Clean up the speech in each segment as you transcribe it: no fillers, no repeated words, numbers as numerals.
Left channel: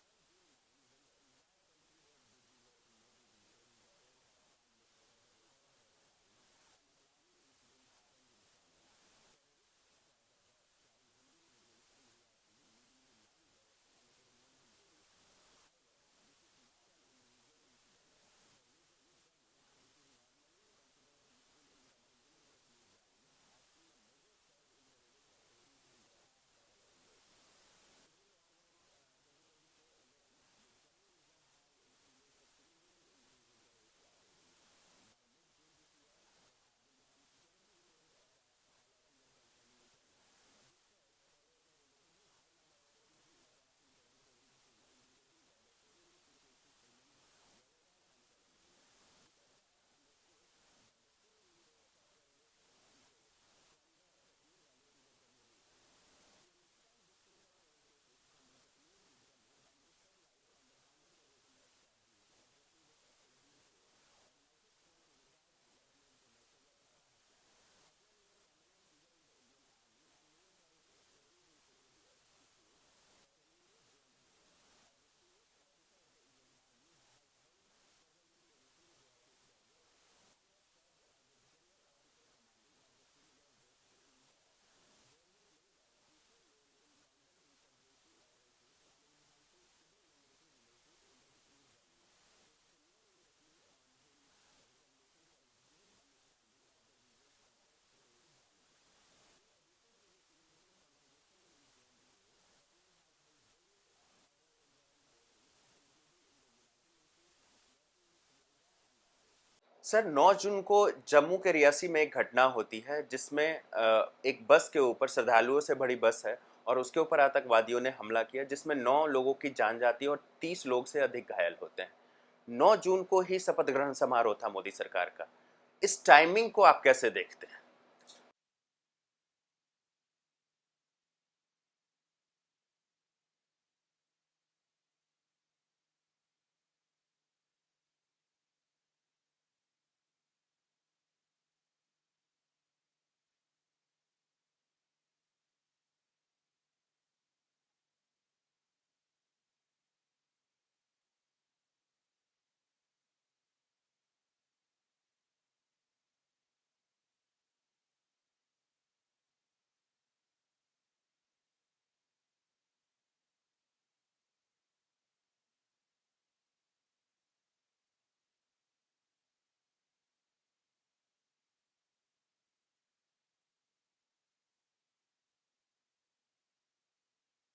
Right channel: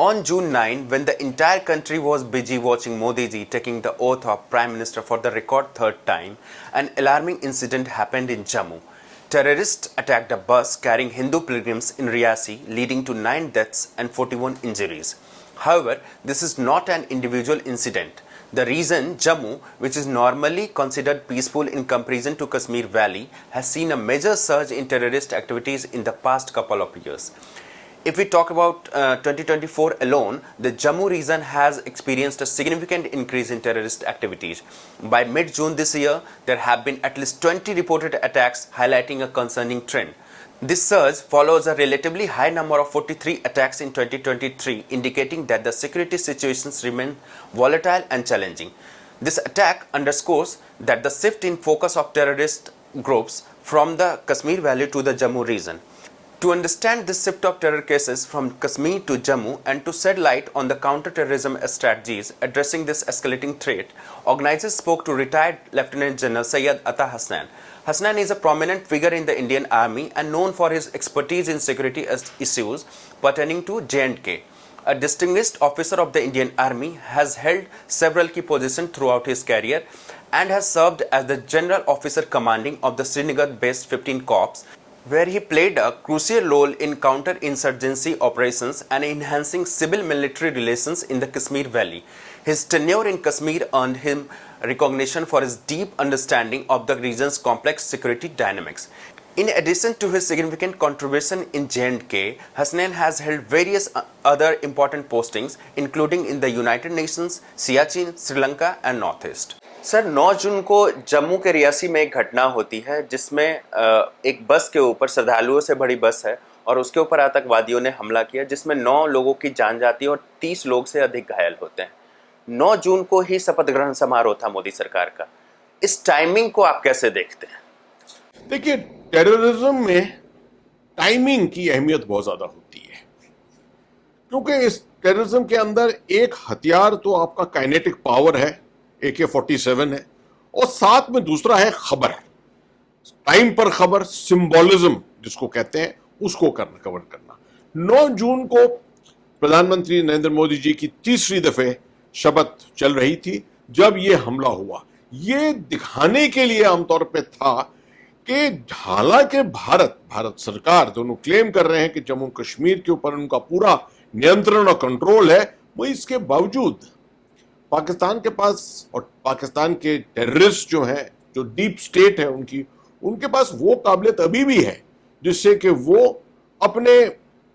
On June 9, when the entire country was busy watching Modi ji taking the oath of Prime Minister for the record third time, an alarming incident happened in Jammu. Terrorists attacked a bus carrying Hindu pilgrims in Riyasi, leading to 9 deaths and 41 injuries. However, this is not an individual incident. The region, Jammu, which is normally considered peaceful in comparison to Kashmir Valley, has seen a major surge in terrorist activities in the past couple of years. If we talk about 2024 alone, the Jammu region has experienced a significant increase in terrorist activities. By mid-June this year, there have been at least 20 reported attacks, highlighting a concerning trend. This surge follows a relatively high number of 43 attacks in 2023, indicating that the security situations remain volatile and challenging. This attack underscores that the shift in focus of terrorist groups from the Kashmir Valley to the Jammu region. To understand this shift of terror cases from Kashmir to Jammu and to shed light on the counter-terrorism strategies addressing this escalating threat, organizers spoke to retired Lieutenant General Syed Ata Hasnain. Hasnain is a prominent figure in the Indian Army and known for his expertise in security issues pertaining to J&K. A distinguished officer of the Indian Army, has held several key positions throughout his career and has served as the General Officer Commanding of the Srinagar-based 15 Corps, where he played a crucial role in counter-insurgency operations and enhancing civil-military relations in the Kashmir Valley. His tenure in Kashmir earned him recognition for his deep understanding of the region's complex security dynamics. In addition to his significant contribution in J&K, Hasnain has held various other important postings, including in the United Nations, Siachen, Sri Lanka and Northeast. Sir 9 जून को जम्मू के रियासी में एक घटना होती है जिसमें एक बस के ऊपर, श्रद्धालुओं से भरी बस है और उसके ऊपर आतंकवादियों ने हमला किया जिसमें 9 लोगों की जान जाती है और 30 लोग से अधिक घायल होते हैं। 9 जून को ही शपथ ग्रहण समारोह था मोदी सरकार का। इस टाइमिंग को आप कैसे देखते हैं? देखिए, टेररिज्म में टाइमिंग की अहमियत बहुत ज्यादा होती है, क्योंकि इस टेररिज्म के अंदर एक हथियार तो आपका काइनेटिक पावर है, AK-47 है, और साथ में दूसरा है खबर, टाइम पर खबर, सिंबोलिज्म जिसको कहते हैं, उसको कवर करना। 9 जून को प्रधानमंत्री नरेंद्र मोदी जी की तीसरी दफे शपथ चल रही थी जब ये हमला हुआ। ये दिखाने के लिए आमतौर पे था कि हालांकि भारत सरकार दोनों क्लेम कर रहे हैं कि जम्मू कश्मीर के ऊपर उनका पूरा नियंत्रण और कंट्रोल है, वो इसके बावजूद पाकिस्तान के पास और पाकिस्तान के टेररिस्ट जो हैं, जो डीप स्टेट है उनके पास वो काबिलियत अभी भी है जिससे कि वो अपने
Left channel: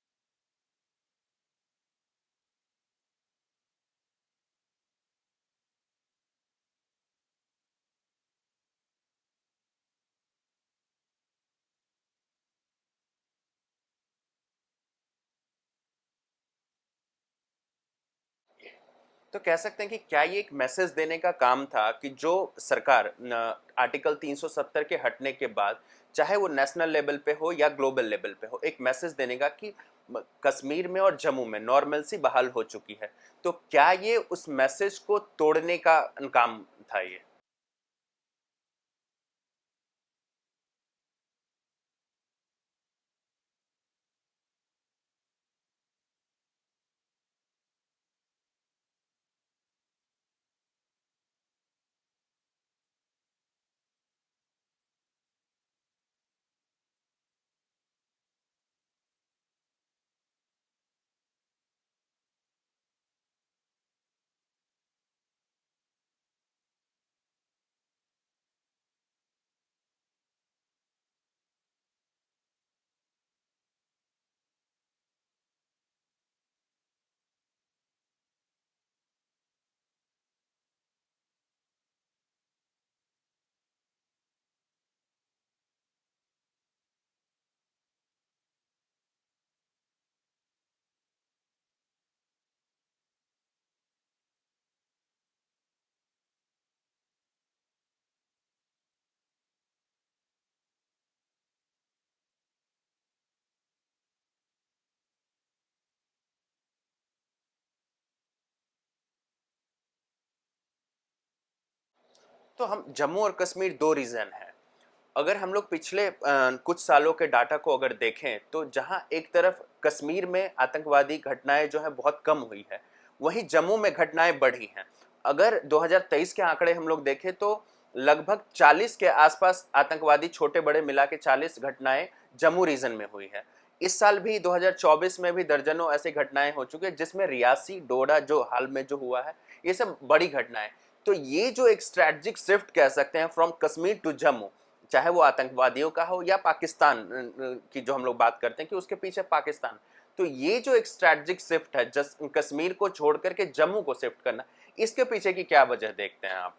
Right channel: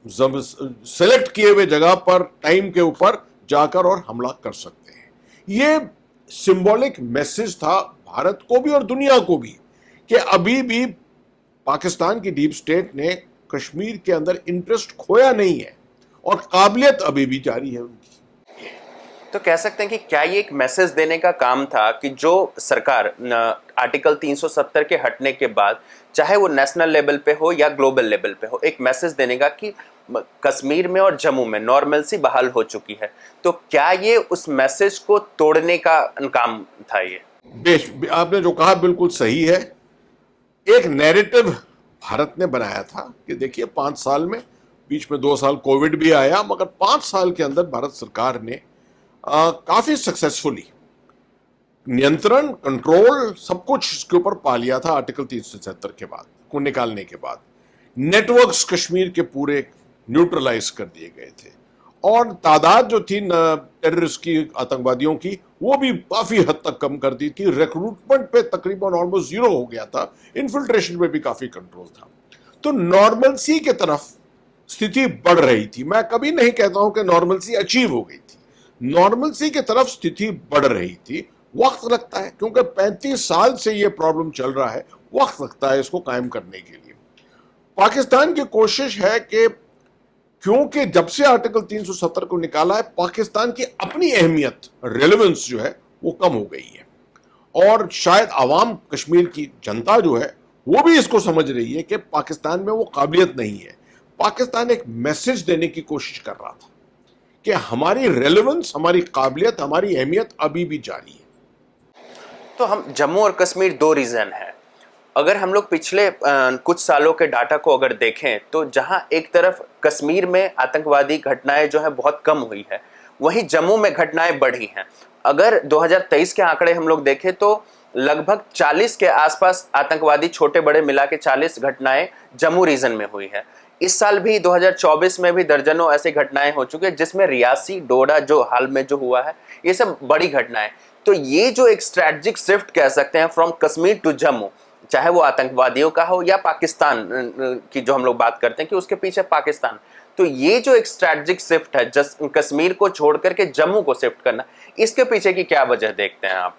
सेलेक्ट किए हुए जगह पर टाइम के ऊपर जाकर और हमला कर सकते हैं। ये सिंबॉलिक मैसेज था भारत को भी और दुनिया को भी कि अभी भी पाकिस्तान की डीप स्टेट ने कश्मीर के अंदर इंटरेस्ट खोया नहीं है और काबिलियत अभी भी जारी है उनकी। तो कह सकते हैं कि क्या ये एक मैसेज देने का काम था कि जो सरकार आर्टिकल 370 के हटने के बाद, चाहे वो नेशनल लेवल पे हो या ग्लोबल लेवल पे हो, एक मैसेज देने का कि कश्मीर में और जम्मू में नॉर्मलसी बहाल हो चुकी है, तो क्या ये उस मैसेज को तोड़ने का काम था? ये आपने जो कहा बिल्कुल सही है। एक नैरेटिव भारत ने बनाया था कि देखिए 5 साल में, बीच में 2 साल कोविड भी आया, मगर 5 साल के अंदर भारत सरकार ने काफी सक्सेसफुली नियंत्रण, कंट्रोल, सब कुछ इसके ऊपर पा लिया था। आर्टिकल 370 के बाद को निकालने के बाद नेटवर्क्स कश्मीर के पूरे न्यूट्रलाइज कर दिए गए थे और तादाद जो थी टेररिस्ट की, आतंकवादियों की, वो भी काफी हद तक कम कर दी थी। रिक्रूटमेंट पे तकरीबन ऑलमोस्ट 0 हो गया था, इन्फिल्ट्रेशन पे भी काफी कंट्रोल था। तो नॉर्मलसी के तरफ स्थिति बढ़ रही थी। मैं कभी नहीं कहता हूं कि नॉर्मलसी अचीव हो गई थी, नॉर्मलसी की तरफ स्थिति बढ़ रही थी। वक्त लगता है क्योंकि 35 साल से ये प्रॉब्लम चल रहा है, वक्त लगता है इसको कायम करने के लिए। पाकिस्तान की कोशिश है कि क्योंकि जब से आर्टिकल 370 को निकाला है, पाकिस्तान की अपनी अहमियत, रेलेवेंस जो है वो कम हो गई है और शायद आवाम, कश्मीर की जनता जो है वो भी इसको समझ रही है कि पाकिस्तान में वो काबिलियत नहीं है। पाकिस्तान एक मैसेज देने की कोशिश कर रहा था कि हमारी रेलेवेंस, हमारी काबिलियत, हमारी अहमियत अभी भी जारी है। तो हम जम्मू और कश्मीर 2 रीजन है, अगर हम लोग पिछले कुछ सालों के डाटा को अगर देखें तो जहां एक तरफ कश्मीर में आतंकवादी घटनाएं जो है बहुत कम हुई है, वहीं जम्मू में घटनाएं बढ़ी हैं। अगर 2023 के आंकड़े हम लोग देखें तो लगभग 40 के आसपास आतंकवादी छोटे बड़े मिला के 40 घटनाएं जम्मू रीजन में हुई है। इस साल भी 2024 में भी दर्जनों ऐसी घटनाएं हो चुकी है, जिसमें रियासी डोडा जो हाल में जो हुआ है, ये सब बड़ी घटनाएं। तो ये जो एक स्ट्रैटेजिक शिफ्ट कह सकते हैं फ्रॉम कश्मीर टू जम्मू, चाहे वो आतंकवादियों का हो या पाकिस्तान की जो हम लोग बात करते हैं कि उसके पीछे पाकिस्तान, तो ये जो एक स्ट्रैटेजिक शिफ्ट है कश्मीर को छोड़ करके जम्मू को शिफ्ट करना, इसके पीछे की क्या वजह देखते हैं आप?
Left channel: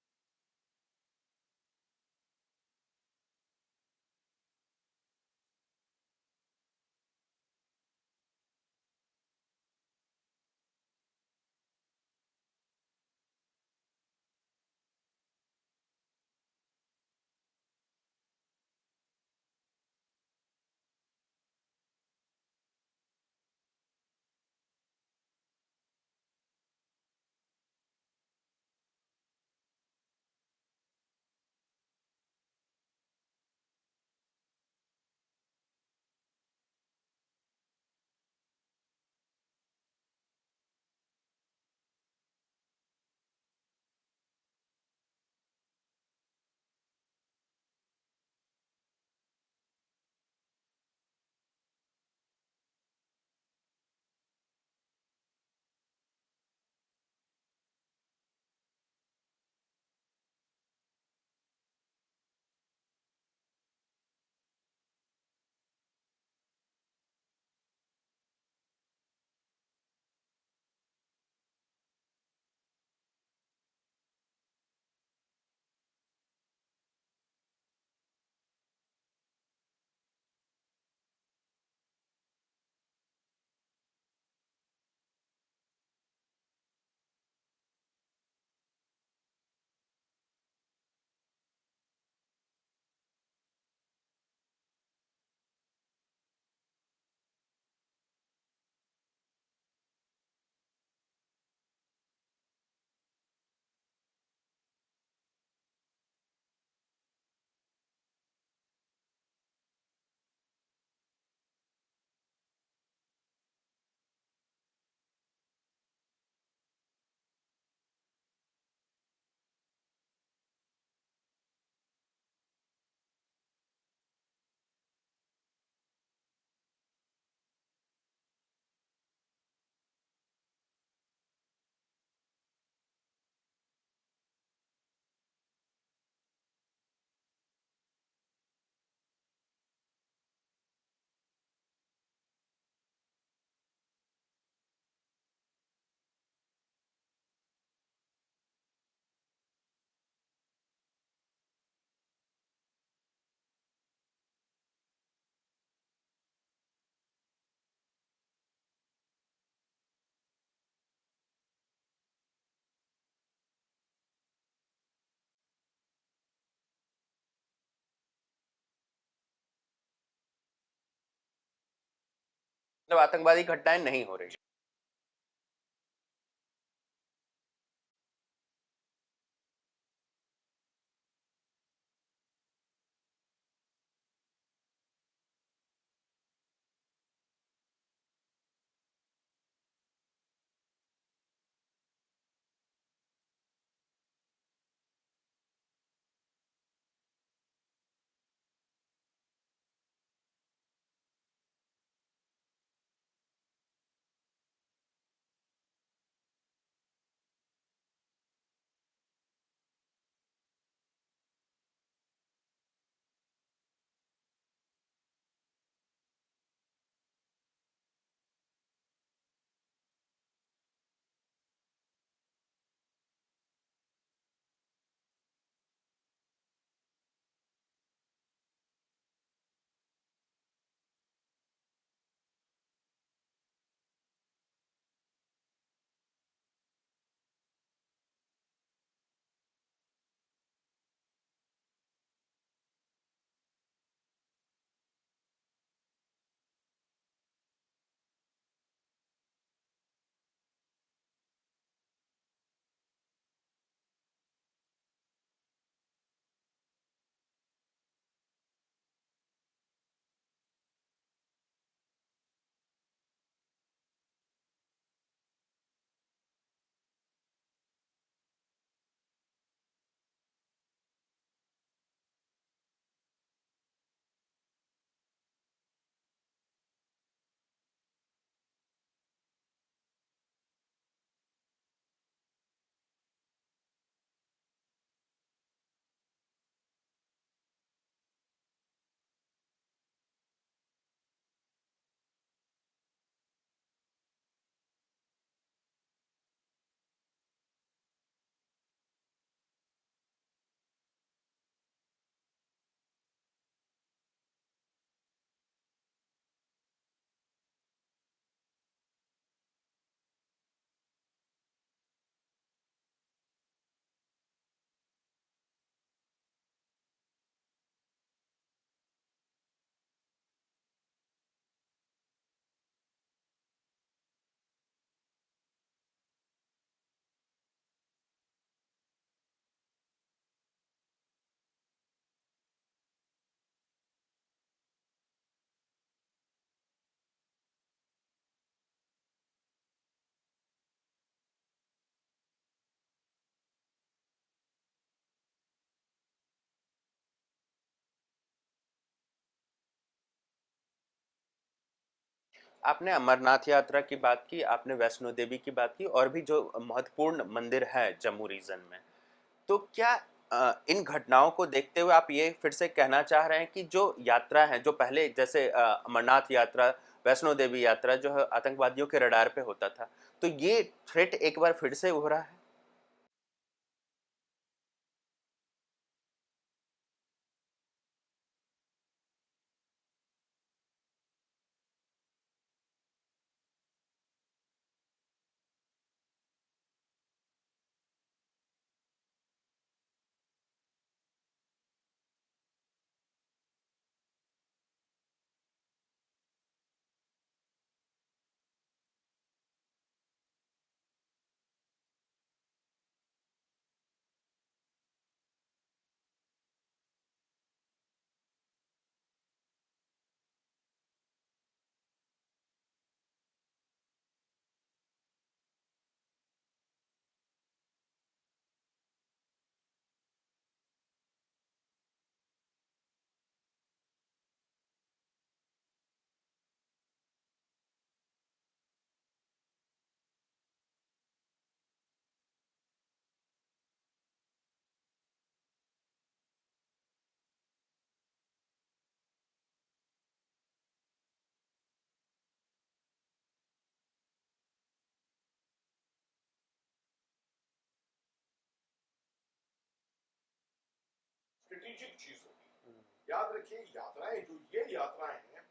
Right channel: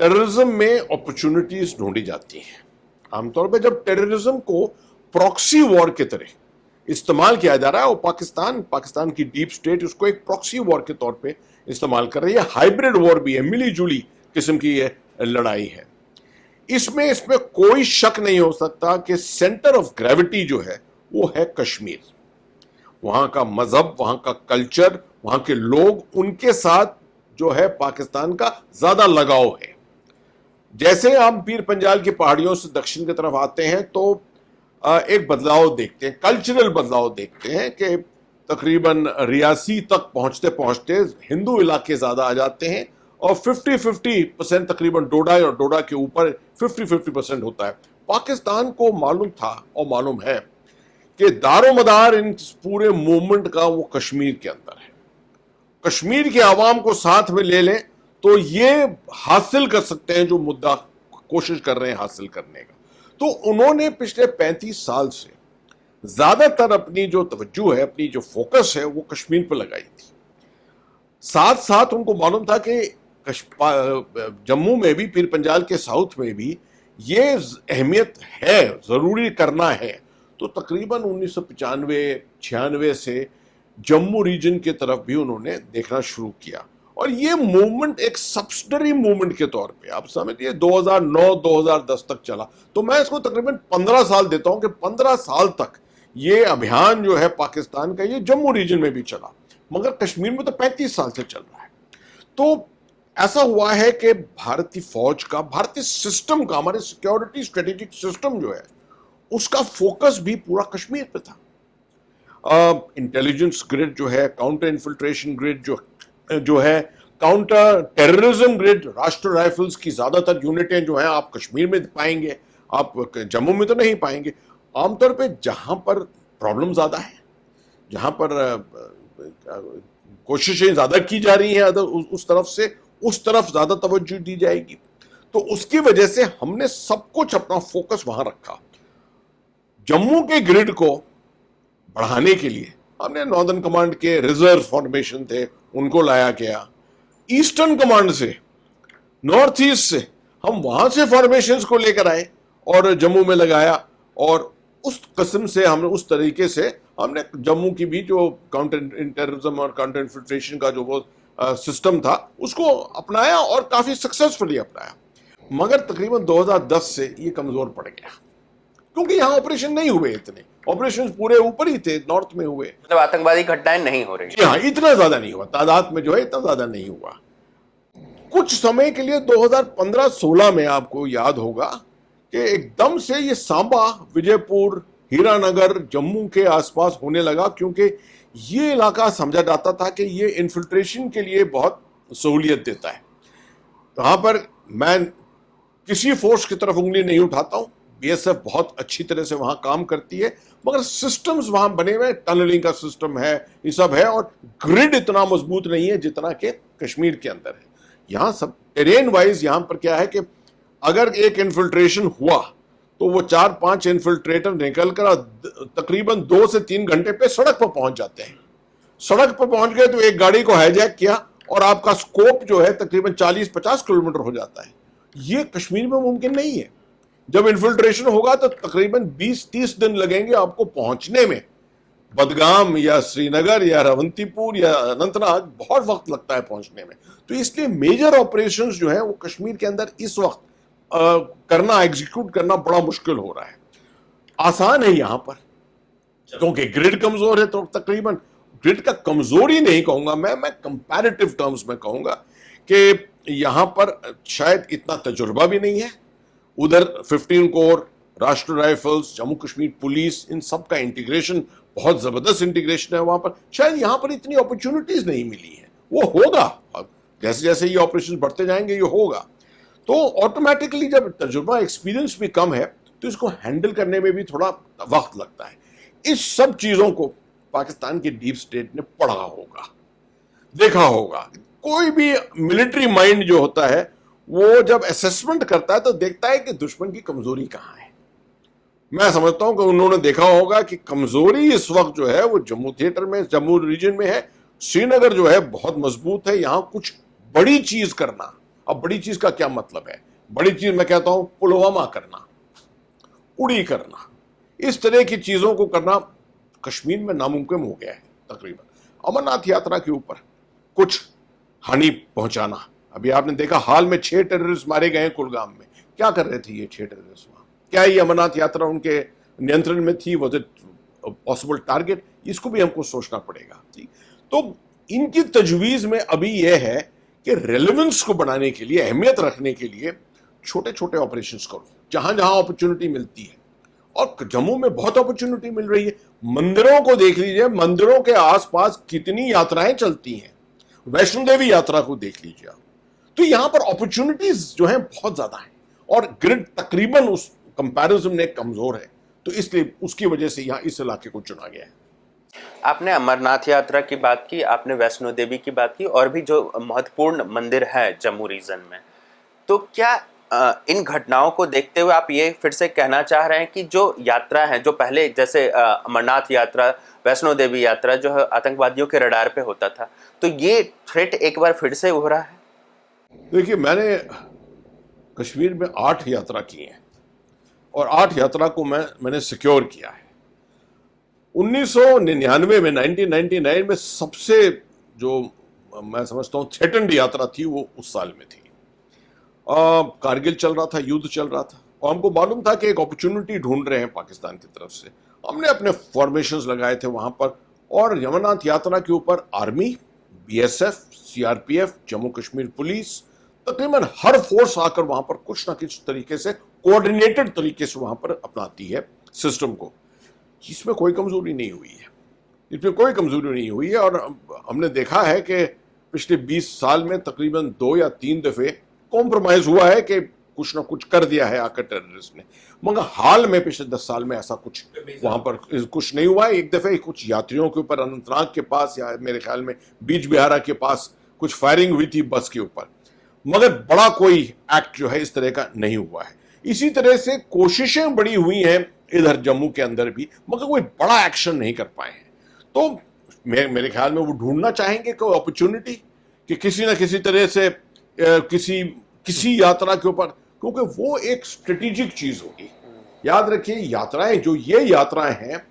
टेररिज्म में अपॉर्चुनिटीज ढूंढी जाती हैं। आमतौर पे जब टेररिज्म को प्रॉक्सी वॉर की तरह इस्तेमाल किया जा रहा है, और पाकिस्तान की डीप स्टेट उसको एक प्रॉक्सी वॉर के तौर पे इस्तेमाल कर रही है, हाइब्रिड वॉर भी है, मिली जुली किस्म की ये लड़ाई है। इसमें कोई शक नहीं हो सकता कि सेंटर ऑफ ग्रेविटी जो है वो है कश्मीर। वहां का मजहब, वहां का कल्चर, वहां के लोग, उनके साथ जो है पाकिस्तान का ज्यादा लगाव है। जैसे हम पीर पंजाल की पहाड़ियों से दक्षिण की तरफ आते हैं तो एक बदलाव देखते हैं, कल्चरल बदलाव देखते हैं कि तकरीबन रियासी तक पहुंचते पहुंचते हिंदू इलाके ज्यादा आ जाते हैं, और 50-50% तकरीबन डोडा और डोडा के ऊपर 50-50% होता है। पाकिस्तान को मालूम था और मालूम है कि दारोमदार इन पूरे मूवमेंट का वो कश्मीर के अंदर है। कश्मीर के आवाम को साथ में ले लें तो ये हासिल कर सकते हैं जो मुद्दा कोशिश कर रहे हैं हासिल करने का। तो उन्होंने पिछले 35 साल से ज्यादातर अपनी जो तवज्जो है, अपनी जो फोकस है, वो कश्मीर पर लगाई थी। साथ साथ उनको मालूम था कि जम्मू में भी, पीर पंजाल के साउथ में भी ये अहमियत है, जरूरी करना है। तो तकरीबन 1995-96 से जम्मू रीजन की तरफ भी उन्होंने देखना शुरू किया, और ये मूवमेंट एक सब्सिडरी मूवमेंट के तौर पे आप समझिए 2009-2010 तक चला। तो मैं इसको तकरीबन 15 साल देता हूं कि 15 साल तक ये अभियान जो है पाकिस्तान का, ये जम्मू रीजन में भी चला, मगर कश्मीर में तो 35 साल से चल रहा है। तो ऐसा हुआ है कि भारतीय फौज का, भारतीय सिस्टम का, हमारे सिक्योरिटी स्ट्रेटेजिक सिस्टम जो है उसका फोकस भी पूरा कश्मीर पे था। इंटेलिजेंस ग्रिड जो है, काउंटर इन्फिल्ट्रेशन ग्रिड जो है, काउंटर टेररिज्म ग्रिड, राष्ट्रीय राइफल्स की ज्यादातर यूनिटें जो हैं आप कश्मीर में पाएंगे, आप जम्मू में तो नहीं पाएंगे। आमतौर पे जहां पर प्रॉब्लम ज्यादा है, जहां पर कोशिशें ज्यादा की जा रही हैं उस तरफ ज्यादा तवज्जो दी जाएगी। तो उसकी वजह से हमने सब कुछ अपना फोकस वहां रखा। जम्मू के ग्रिड को बढ़ाने के लिए हमने नॉर्दर्न कमांड के रिजर्व फॉर्मेशन थे, उनको लाया गया। ईस्टर्न कमांड से, नॉर्थ ईस्ट से हम वहां से फॉर्मेशंस को लेकर आए और जम्मू में लगाया, और उस किस्म से हमने, उस तरीके से हमने जम्मू की भी जो काउंटर टेररिज्म और काउंटर इन्फिल्ट्रेशन का जो वो सिस्टम था उसको अपनाया, और काफी सक्सेसफुली अपनाया। मगर तकरीबन 2010 से ये कमजोर पड़ गया, क्योंकि यहाँ ऑपरेशन नहीं हुए, इतने ऑपरेशन पूरे ऊपर ही थे, नॉर्थ में हुए, मतलब आतंकवादी घटनाएं नहीं हो रही। हाँ, इतना ज्यादा नहीं हुआ, तादाद में जो है इतना ज्यादा नहीं हुआ। कुछ समय के लिए 2015-16 में आपको याद होगा कि एकदम से ये सांबा, विजयपुर, हीरानगर, जम्मू के आसपास होने लगा, क्योंकि ये इलाका समझा जाता था कि ये इन्फिल्ट्रेशन के लिए बहुत सहूलियत देता है। वहां पर मैं किसी फोर्स की तरफ उंगली नहीं उठाता हूं, बीएसएफ बहुत अच्छी तरह से वहां काम करती है, मगर सिस्टम्स वहां बने हुए, टनलिंग का सिस्टम है, ये सब है, और ग्रिड इतना मजबूत नहीं है जितना कि कश्मीर के अंदर है। यहाँ सब टेरेन वाइज यहाँ पर क्या है कि अगर एक इन्फिल्ट्रेशन हुआ तो वो 4-5 इन्फिल्ट्रेटर निकलकर तकरीबन 2 से 3 घंटे पे सड़क पर पहुंच जाते हैं। सड़क पर पहुंच गए तो एक गाड़ी को हाईजैक किया और आपका स्कोप जो है तकरीबन 40-50 किलोमीटर हो जाता है। ये कश्मीर में मुमकिन नहीं है। जब इन्फिल्ट्रेशन होगा तो तकरीबन 20-30 दिन लगेंगे आपको पहुंचने में। बदगाम या श्रीनगर या रवंतीपुर या अनंतनाग बहुत वक्त लगता है पहुंचने में। तो इसलिए मेजर ऑपरेशंस जो है वो कश्मीर के अंदर इस वक्त करना, एग्जीक्यूट करना बड़ा मुश्किल हो रहा है। आसान है यहां पर क्योंकि ग्रिड कमजोर है, तो तकरीबन ग्रिड का कमजोरी नहीं कहूंगा मैं कंपैरेटिव टर्म्स में कहूंगा कि यहां पर शायद इतना तजुर्बा भी नहीं है उधर 15 कोर, राष्ट्र राइफल्स, जम्मू कश्मीर पुलिस, इन सब का इंटीग्रेशन, बहुत जबरदस्त इंटीग्रेशन है वहां पर। शायद यहां पर इतनी अपॉर्चुनिटीज नहीं मिली है, वो होगा जैसे जैसे ये ऑपरेशन बढ़ते जाएंगे, ये होगा। तो ऑटोमेटिकली जब तजुर्बा एक्सपीरियंस भी कम है तो इसको हैंडल करने में भी थोड़ा वक्त लगता है। इस सब चीजों को पाकिस्तान के डीप स्टेट ने पढ़ा होगा, देखा होगा। कोई भी मिलिट्री माइंड जो होता है वो जब असेसमेंट करता है तो देखता है कि दुश्मन की कमजोरी कहां है। मैं समझता हूं कि उन्होंने देखा होगा कि कमजोरी इस वक्त जो है वो जम्मू थिएटर में, जम्मू रीजन में है। श्रीनगर जो है बहुत मजबूत है, यहां कुछ बड़ी चीज करना। अब बड़ी चीज का क्या मतलब है? बड़ी चीज मैं कहता हूं पुलवामा करना, उड़ी करना, इस तरह की चीजों को करना कश्मीर में नामुमकिन हो गया है तकरीबन। अमरनाथ यात्रा के ऊपर कुछ हानि पहुंचाना, अभी आपने देखा हाल में 6 टेररिस्ट मारे गए कुलगाम में। क्या कर रहे थे ये 6 टेररिस्ट वहां? क्या ये अमरनाथ यात्रा उनके नियंत्रण में थी? Was it possible target? इसको भी हमको सोचना पड़ेगा। तो इनकी तजवीज में अभी यह है कि रेलेवेंस को बढ़ाने के लिए, अहमियत रखने के लिए छोटे छोटे ऑपरेशंस करो जहां जहां अपॉर्चुनिटी मिलती है। और जम्मू में बहुत अपॉर्चुनिटी मिल रही है। मंदिरों को देख लीजिए, मंदिरों के आसपास कितनी यात्राएं चलती हैं। वैष्णो देवी यात्रा को देख लीजिए आप। तो यहां पर अपॉर्चुनिटीज जो है बहुत ज्यादा है और ग्रिड तकरीबन उस कंपैरिजन में कमजोर है। तो इसलिए उसकी वजह से यहां इस इलाके को चुना गया है। आपने अमरनाथ यात्रा की बात की, आपने वैष्णो देवी की बात की, और भी जो महत्वपूर्ण मंदिर है जम्मू रीजन में, तो क्या इन घटनाओं को देखते हुए आप ये फिर से कहना चाह रहे हैं कि जो यात्रा है, जो पहले जैसे अमरनाथ यात्रा, वैष्णो देवी यात्रा जो है आतंकवादियों के रडार पे होता था, तो ये थ्रेट एक बार फिर से उभरा है? देखिए, मैंने कश्मीर में 8 यात्रा की है और 8 यात्रा को मैंने सिक्योर किया है। 1999 में, 1999 में सबसे जो मैं समझता हूँ थ्रेटन्ड यात्रा थी वो उस साल में थी। कारगिल चल रहा था, युद्ध चल रहा था और हमको मालूम था कि एक अपॉर्चुनिटी ढूंढ रहे हैं पाकिस्तान की तरफ से। हमने अपने फॉर्मेशंस लगाए थे वहां पर और अमरनाथ यात्रा के ऊपर army, BSF, CRPF, Jammu Kashmir police, तकरीबन हर फोर्स आकर वहां पर कुछ ना कुछ तरीके से कोऑर्डिनेटेड तरीके से वहां पर अपनाती है सिस्टम को। इसमें कोई कमजोरी नहीं हुई है, इसमें कोई कमजोरी नहीं हुई है। और हमने देखा है कि पिछले 20 साल में तकरीबन 2 या 3 दफे कॉम्प्रोमाइज हुआ है कि कुछ ना कुछ कर दिया है आकर टेररिस्ट ने। मगर हाल में पिछले 10 साल में ऐसा कुछ वहां पर कुछ नहीं हुआ है। एक दफे कुछ यात्रियों के ऊपर अनंतनाग के पास या मेरे ख्याल में बीच बिहारा के पास कुछ फायरिंग हुई थी बस के ऊपर, मगर बड़ा कोई एक्ट जो है इस तरह का नहीं हुआ है। इसी तरह से कोशिशें बड़ी हुई हैं इधर जम्मू के अंदर भी, मगर कोई बड़ा एक्शन नहीं कर पाए हैं। तो मेरे ख्याल में वो ढूंढना चाहेंगे कोई अपॉर्चुनिटी कि किसी ना किसी तरह से किसी यात्रा के ऊपर, क्योंकि वो एक स्ट्रेटेजिक चीज होगी। याद रखिए, यात्राएं जो ये यात्राएं हैं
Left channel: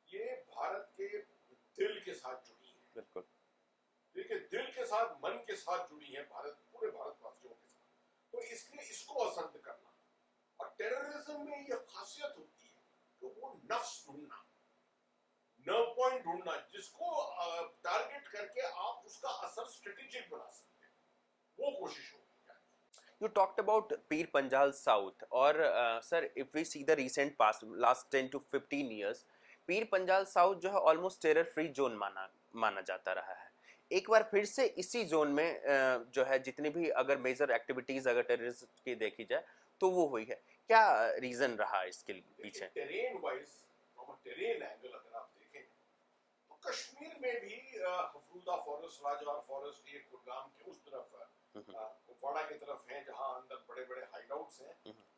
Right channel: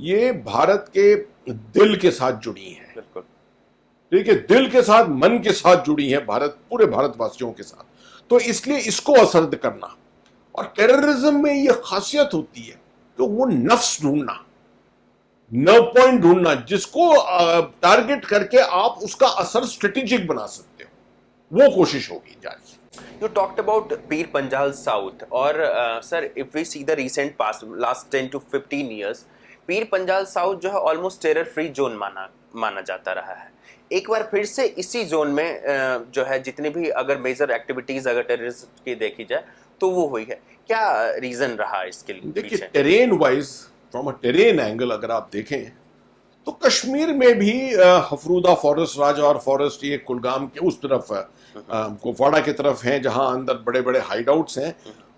ये भारत के दिल के साथ जुड़ी हैं। बिल्कुल ठीक है, दिल के साथ, मन के साथ जुड़ी हैं, भारत, पूरे भारतवासियों के साथ। तो इसलिए इसको असरद करना, और टेररिज्म में ये खासियत होती है कि वो नफ्स ढूंढना, नर्व पॉइंट ढूंढना, जिसको टारगेट करके आप उसका असर स्ट्रेटेजिक बना सकते हो, वो कोशिश होगी जारी। You talked about Pir Panjal South, और sir, if we see the recent past, last 10 to 15 years, Pir Panjal south जो है ऑलमोस्ट टेरर फ्री जोन माना जाता रहा है। एक बार फिर से इसी जोन में जो है जितनी भी अगर मेजर एक्टिविटीज अगर टेररिस्ट की देखी जाए तो वो हुई है। क्या रीजन रहा इसके लिए? देखिए, terrain wise, from a terrain angle अगर आप देखें तो कश्मीर में भी हफरूदा फॉरेस्ट, राजौर फॉरेस्ट, ये कुलगाम के उस तरफ कुपवाड़ा की तरफ हैं जहां अंदर बड़े बड़े हाइडआउट्स हैं।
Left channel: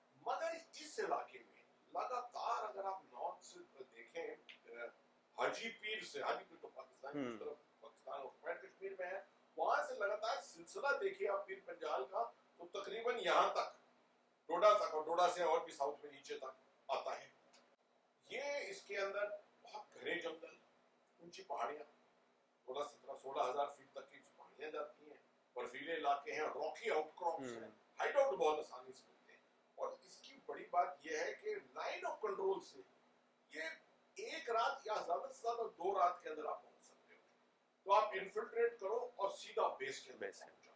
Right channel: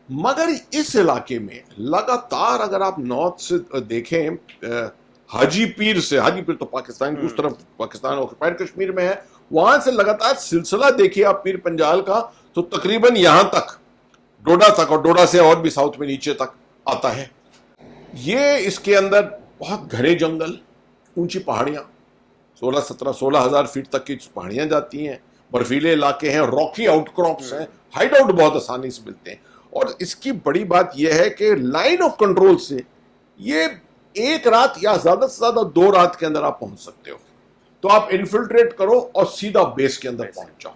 मगर इस इलाके में लगातार अगर आप नॉर्थ से देखें, हाजीपीर तो पाकिस्तान की उस तरफ, पाकिस्तान ऑक्युपाइड कश्मीर में है, वहां से लगातार सिलसिला देखिए आप पीर पंजाल का, तो तकरीबन यहां तक, डोडा तक, और डोडा से और भी साउथ में नीचे तक आता है। ये इसके अंदर बहुत घने जंगल, ऊंची पहाड़ियां, 16,000 फीट तक की पहाड़ियां जाती हैं, बर्फीले इलाके हैं, रॉकी आउटक्रॉप्स हैं, हाइड आउट बहुत आसानी से मिलते हैं। और इसकी बड़ी बात यह है कि लाइन ऑफ कंट्रोल से ये एक रात या ज्यादा से ज्यादा 2 रात के अंदर आप पहुंच सकते हो। तो आप इन्फिल्ट्रेट करो और सीधा बेस के अंदर पहुंच जाओ।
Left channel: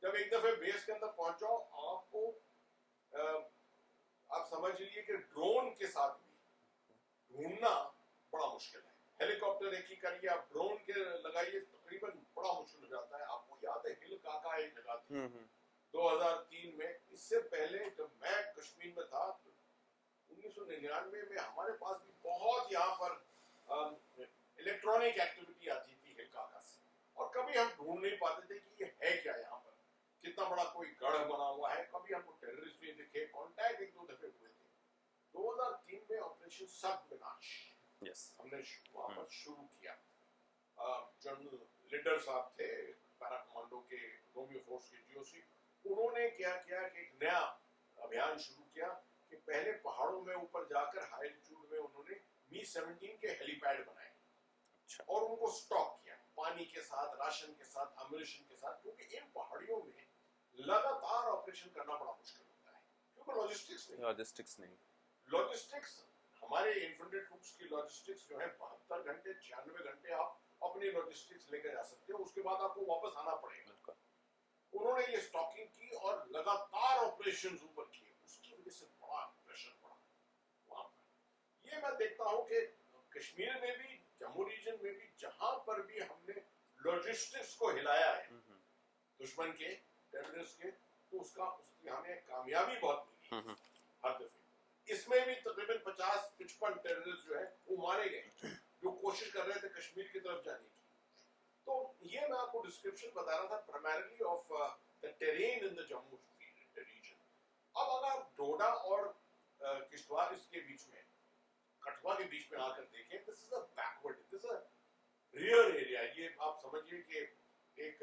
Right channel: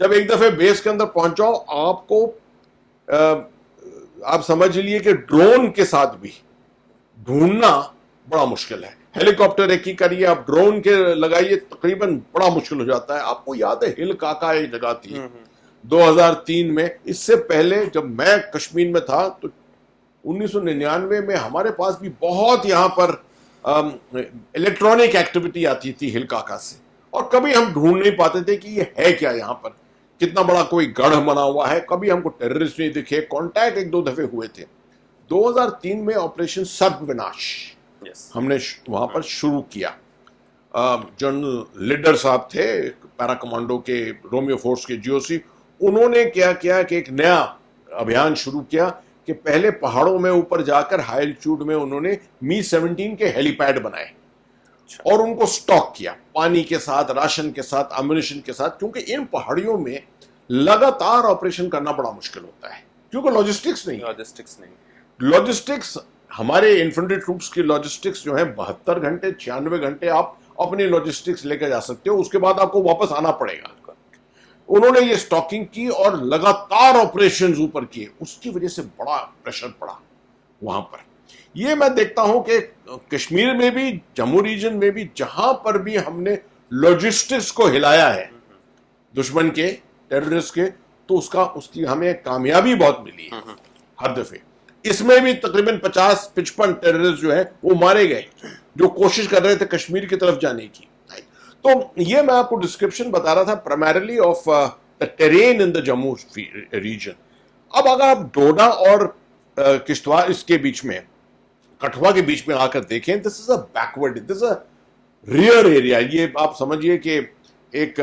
जब एक दफे बेस के अंदर पहुंच जाओ, आपको आप समझ लिए कि ड्रोन के साथ भी ढूंढना बड़ा मुश्किल है। हेलीकॉप्टर एक ही करिए, आप ड्रोन के लगाइए, तकरीबन बड़ा मुश्किल हो जाता है। आपको याद है हिल काका एक जगह थी 2003 में। इससे पहले जब मैं कश्मीर में था तो 1999 में हमारे पास भी बहुत यहाँ पर इलेक्ट्रॉनिक एक्टिविटी आती थी हिल काका से, और कभी हम ढूंढ नहीं पाते थे कि ये है क्या, यहाँ पर कितना बड़ा कोई गढ़ बना हुआ है। कभी हमको टेररिस्ट नहीं दिखे। कांटेक्ट एक दो दफे हुए थे। 2003 में ऑपरेशन सर्वविनाश हमने वहां पर शुरू किया। जनरल लीडर साहब थे पैरा कमांडो के, रोमियो फोर्स के जीओसी। उन्होंने क्या किया कि एक नया अभियान शुरू किया कि पहले पहाड़ों में ऊपर जाकर हाई एल्टीट्यूड में उन्होंने मी-17 के हेलीपैड बनाए और उनको स्टॉक किया पानी के साथ, राशन के साथ, अम्युनिशन के साथ, क्योंकि इन पहाड़ियों में लगातार ऑपरेशन करना बड़ा मुश्किल होता है क्योंकि लॉजिस्टिक्स नहीं। लॉजिस्टिक्स हमारे इन्फेंट्री ट्रूप्स की लॉजिस्टिक्स जो है 72 घंटे 96 घंटे आप अपनी लॉजिस्टिक्स लेकर जा सकते हो, उसके बाद आपको वापस आना पड़ेगा। उन्होंने ये स्टॉकिंग की और लगातार ऑपरेशंस ऊपर किए, उसकी वजह से बड़ा प्रेशर पड़ा वहां पर। ये मैं देखता हूं कि कश्मीर में भी, जम्मू रीजन में भी, जहां पर भी हमने लॉजिस्टिक्स को हिलाया है दुश्मन के, टेररिस्ट के, तो उसकी हमें कामयाबी बहुत मिली है हर दफे। इसमें भी तकरीबन 50-55 टेररिस्ट जो है वो मारे गए जो कोशिश कर रहे थे कश्मीर की तरफ जाने की। तो ये मैं आपको डिस्क्रिप्शन बता रहा था primarily of the terrain in the Jammu region. अब अगर आप डोडा और किश्तवाड़ इसके बीच में, कठुआ के बीच में आकर देखें, this is a backward, this is a rear area. ये आप समझिए कि एक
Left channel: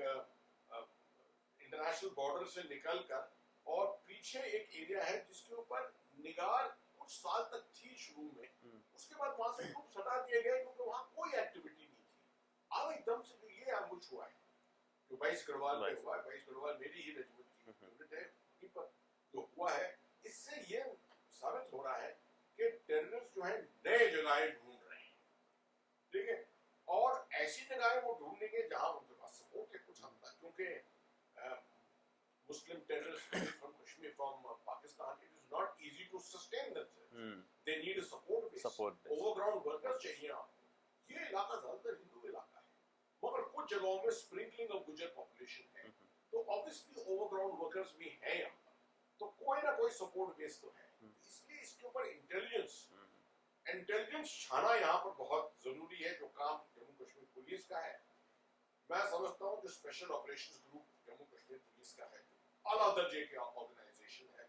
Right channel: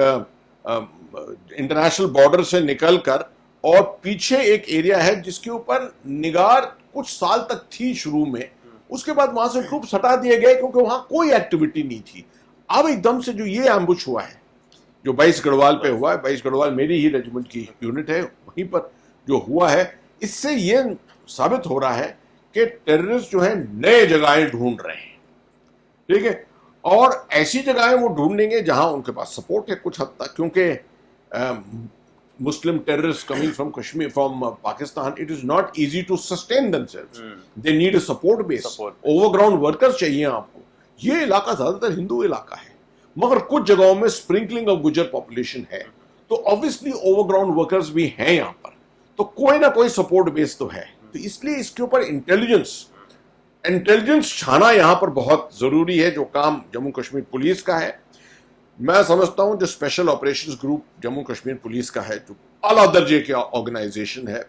इंटरनेशनल बॉर्डर से निकलकर और पीछे एक एरिया है जिसके ऊपर निगार कुछ साल तक थी शुरू में, उसके बाद वहां से ट्रूप्स हटा दिए गए क्योंकि वहां कोई एक्टिविटी नहीं थी। अब एकदम से जो ये एम्बुश हुआ है, जो 22 गढ़वाल पे हुआ है, 22 गढ़वाल मेरी ही रेजिमेंट की यूनिट है, वहीं पर जो हुआ है, इससे ये साबित हो रहा है कि टेररिस्ट जो है नए जगहें ढूंढ रहे हैं, ठीक है, और ऐसी जगहें वो ढूंढेंगे जहां उनके पास सपोर्ट है कुछ हद तक, क्योंकि Muslim terrorists coming from Kashmir, from Pakistan, it is not easy to sustain themselves. They need a support base. Overground workers चाहिए आपको। ये इलाका ज्यादातर हिंदू इलाका है, मगर कुछ जगहों में स्प्रिंकलिंग ऑफ गुजर पॉपुलेशन है, तो ऑब्वियसली ओवरग्राउंड वर्कर्स भी हैं यहाँ पर, तो कोई ना कोई सपोर्ट बेस तो है। तो इसलिए इसके ऊपर इंटेलिजेंस छाना यहाँ पर बहुत जरूरी है, जो काम जम्मू कश्मीर पुलिस का है। मैं समझता हूं जो special operations group Jammu Kashmir police का है, जो आला दर्जे के ऑर्गेनाइजेशन है,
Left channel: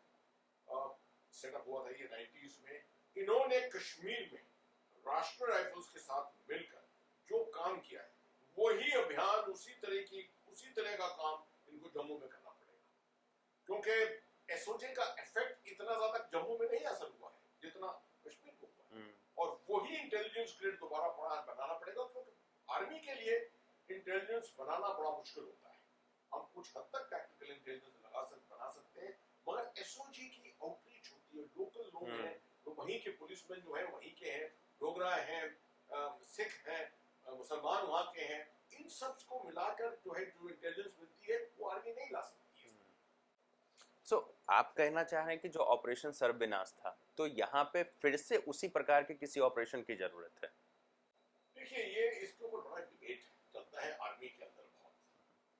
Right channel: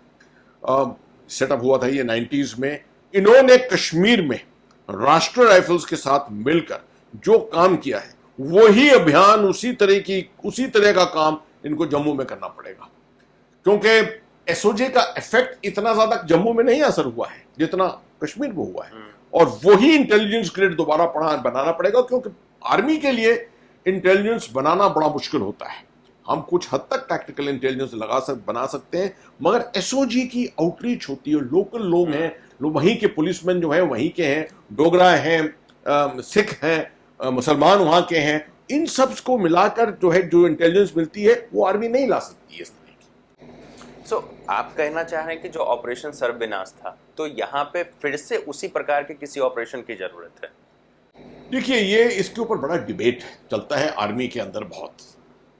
सेटअप हुआ था ये 90s में, इन्होंने कश्मीर में राष्ट्रीय राइफल्स के साथ मिलकर जो काम किया है, वही अभियान, उसी तरह का काम इनको जम्मू में करना पड़ेगा, क्योंकि एसओजे का इफेक्ट इतना ज्यादा जम्मू में नहीं असर हुआ है जितना कश्मीर में हुआ है, और वही इंटेलिजेंस ग्रिड दोबारा बनाना पड़ेगा, क्योंकि आर्मी के लिए इंटेलिजेंस बनाना बड़ा मुश्किल होता है। हम कुछ हद तक टैक्टिकल इंटेलिजेंस बना सकते हैं, मगर एसओजी की आउटरीच होती है, लोकल लोग हैं, वहीं के पुलिसमैन जो हैं वहीं के हैं, डोगरा हैं, सिख हैं, मुसलमान वहां के हैं, इन सब को मिलाकर जो है जो इंटेलिजेंस मिलती है वो आर्मी नहीं ला सकती है इस तरह की। सो आप कहना चाह रहे हैं कि जो ऑपरेशन सर्वविनाश था, तो यहाँ पे फिर से उसी प्रकार के किसी ऑपरेशन की जरूरत है? देखिए, ये इसके ऊपर बड़ा डिबेट चलता है आर्मी के अंदर बहुत,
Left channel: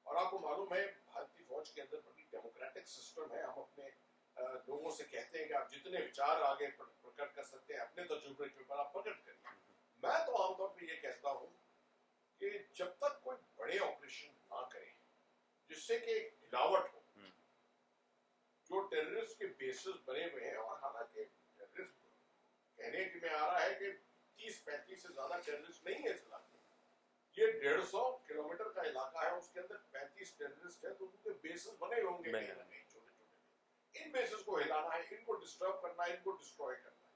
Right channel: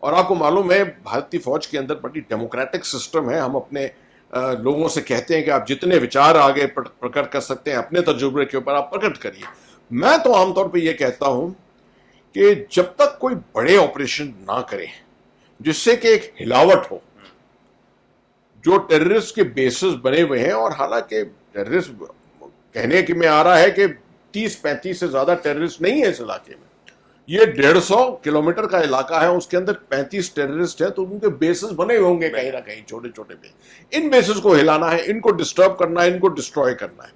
और आपको मालूम है भारतीय फौज के अंदर बड़ी डेमोक्रेटिक सिस्टम है। हम अपने लोगों से कहते हैं कि आप जितने विचार आगे प्रकट कर सकते हैं अपने तजुर्बे के ऊपर आप प्रकट करिए। मैं तो आमतौर पे ये कहता हूं कि जब तक कोई बड़े ऑपरेशन ना करे जिससे कि एक हिलावट हो, जो टेररिस्ट के बेसिस बने हुए हैं, और हालांकि टेररिस्ट कहने की में आ रहा है कि 30-35 से ज्यादा टेररिस्ट नहीं है इस इलाके में, ये 150 किलोमीटर का इलाका है, उसके अंदर 35 टेररिस्ट है, तो उनके बेसिस बने होंगे कहीं ना कहीं छोटे छोटे पे। इन बेसिस को हिलाना है, इनको डिस्टर्ब करना है, इनको डिस्ट्रॉय करना है।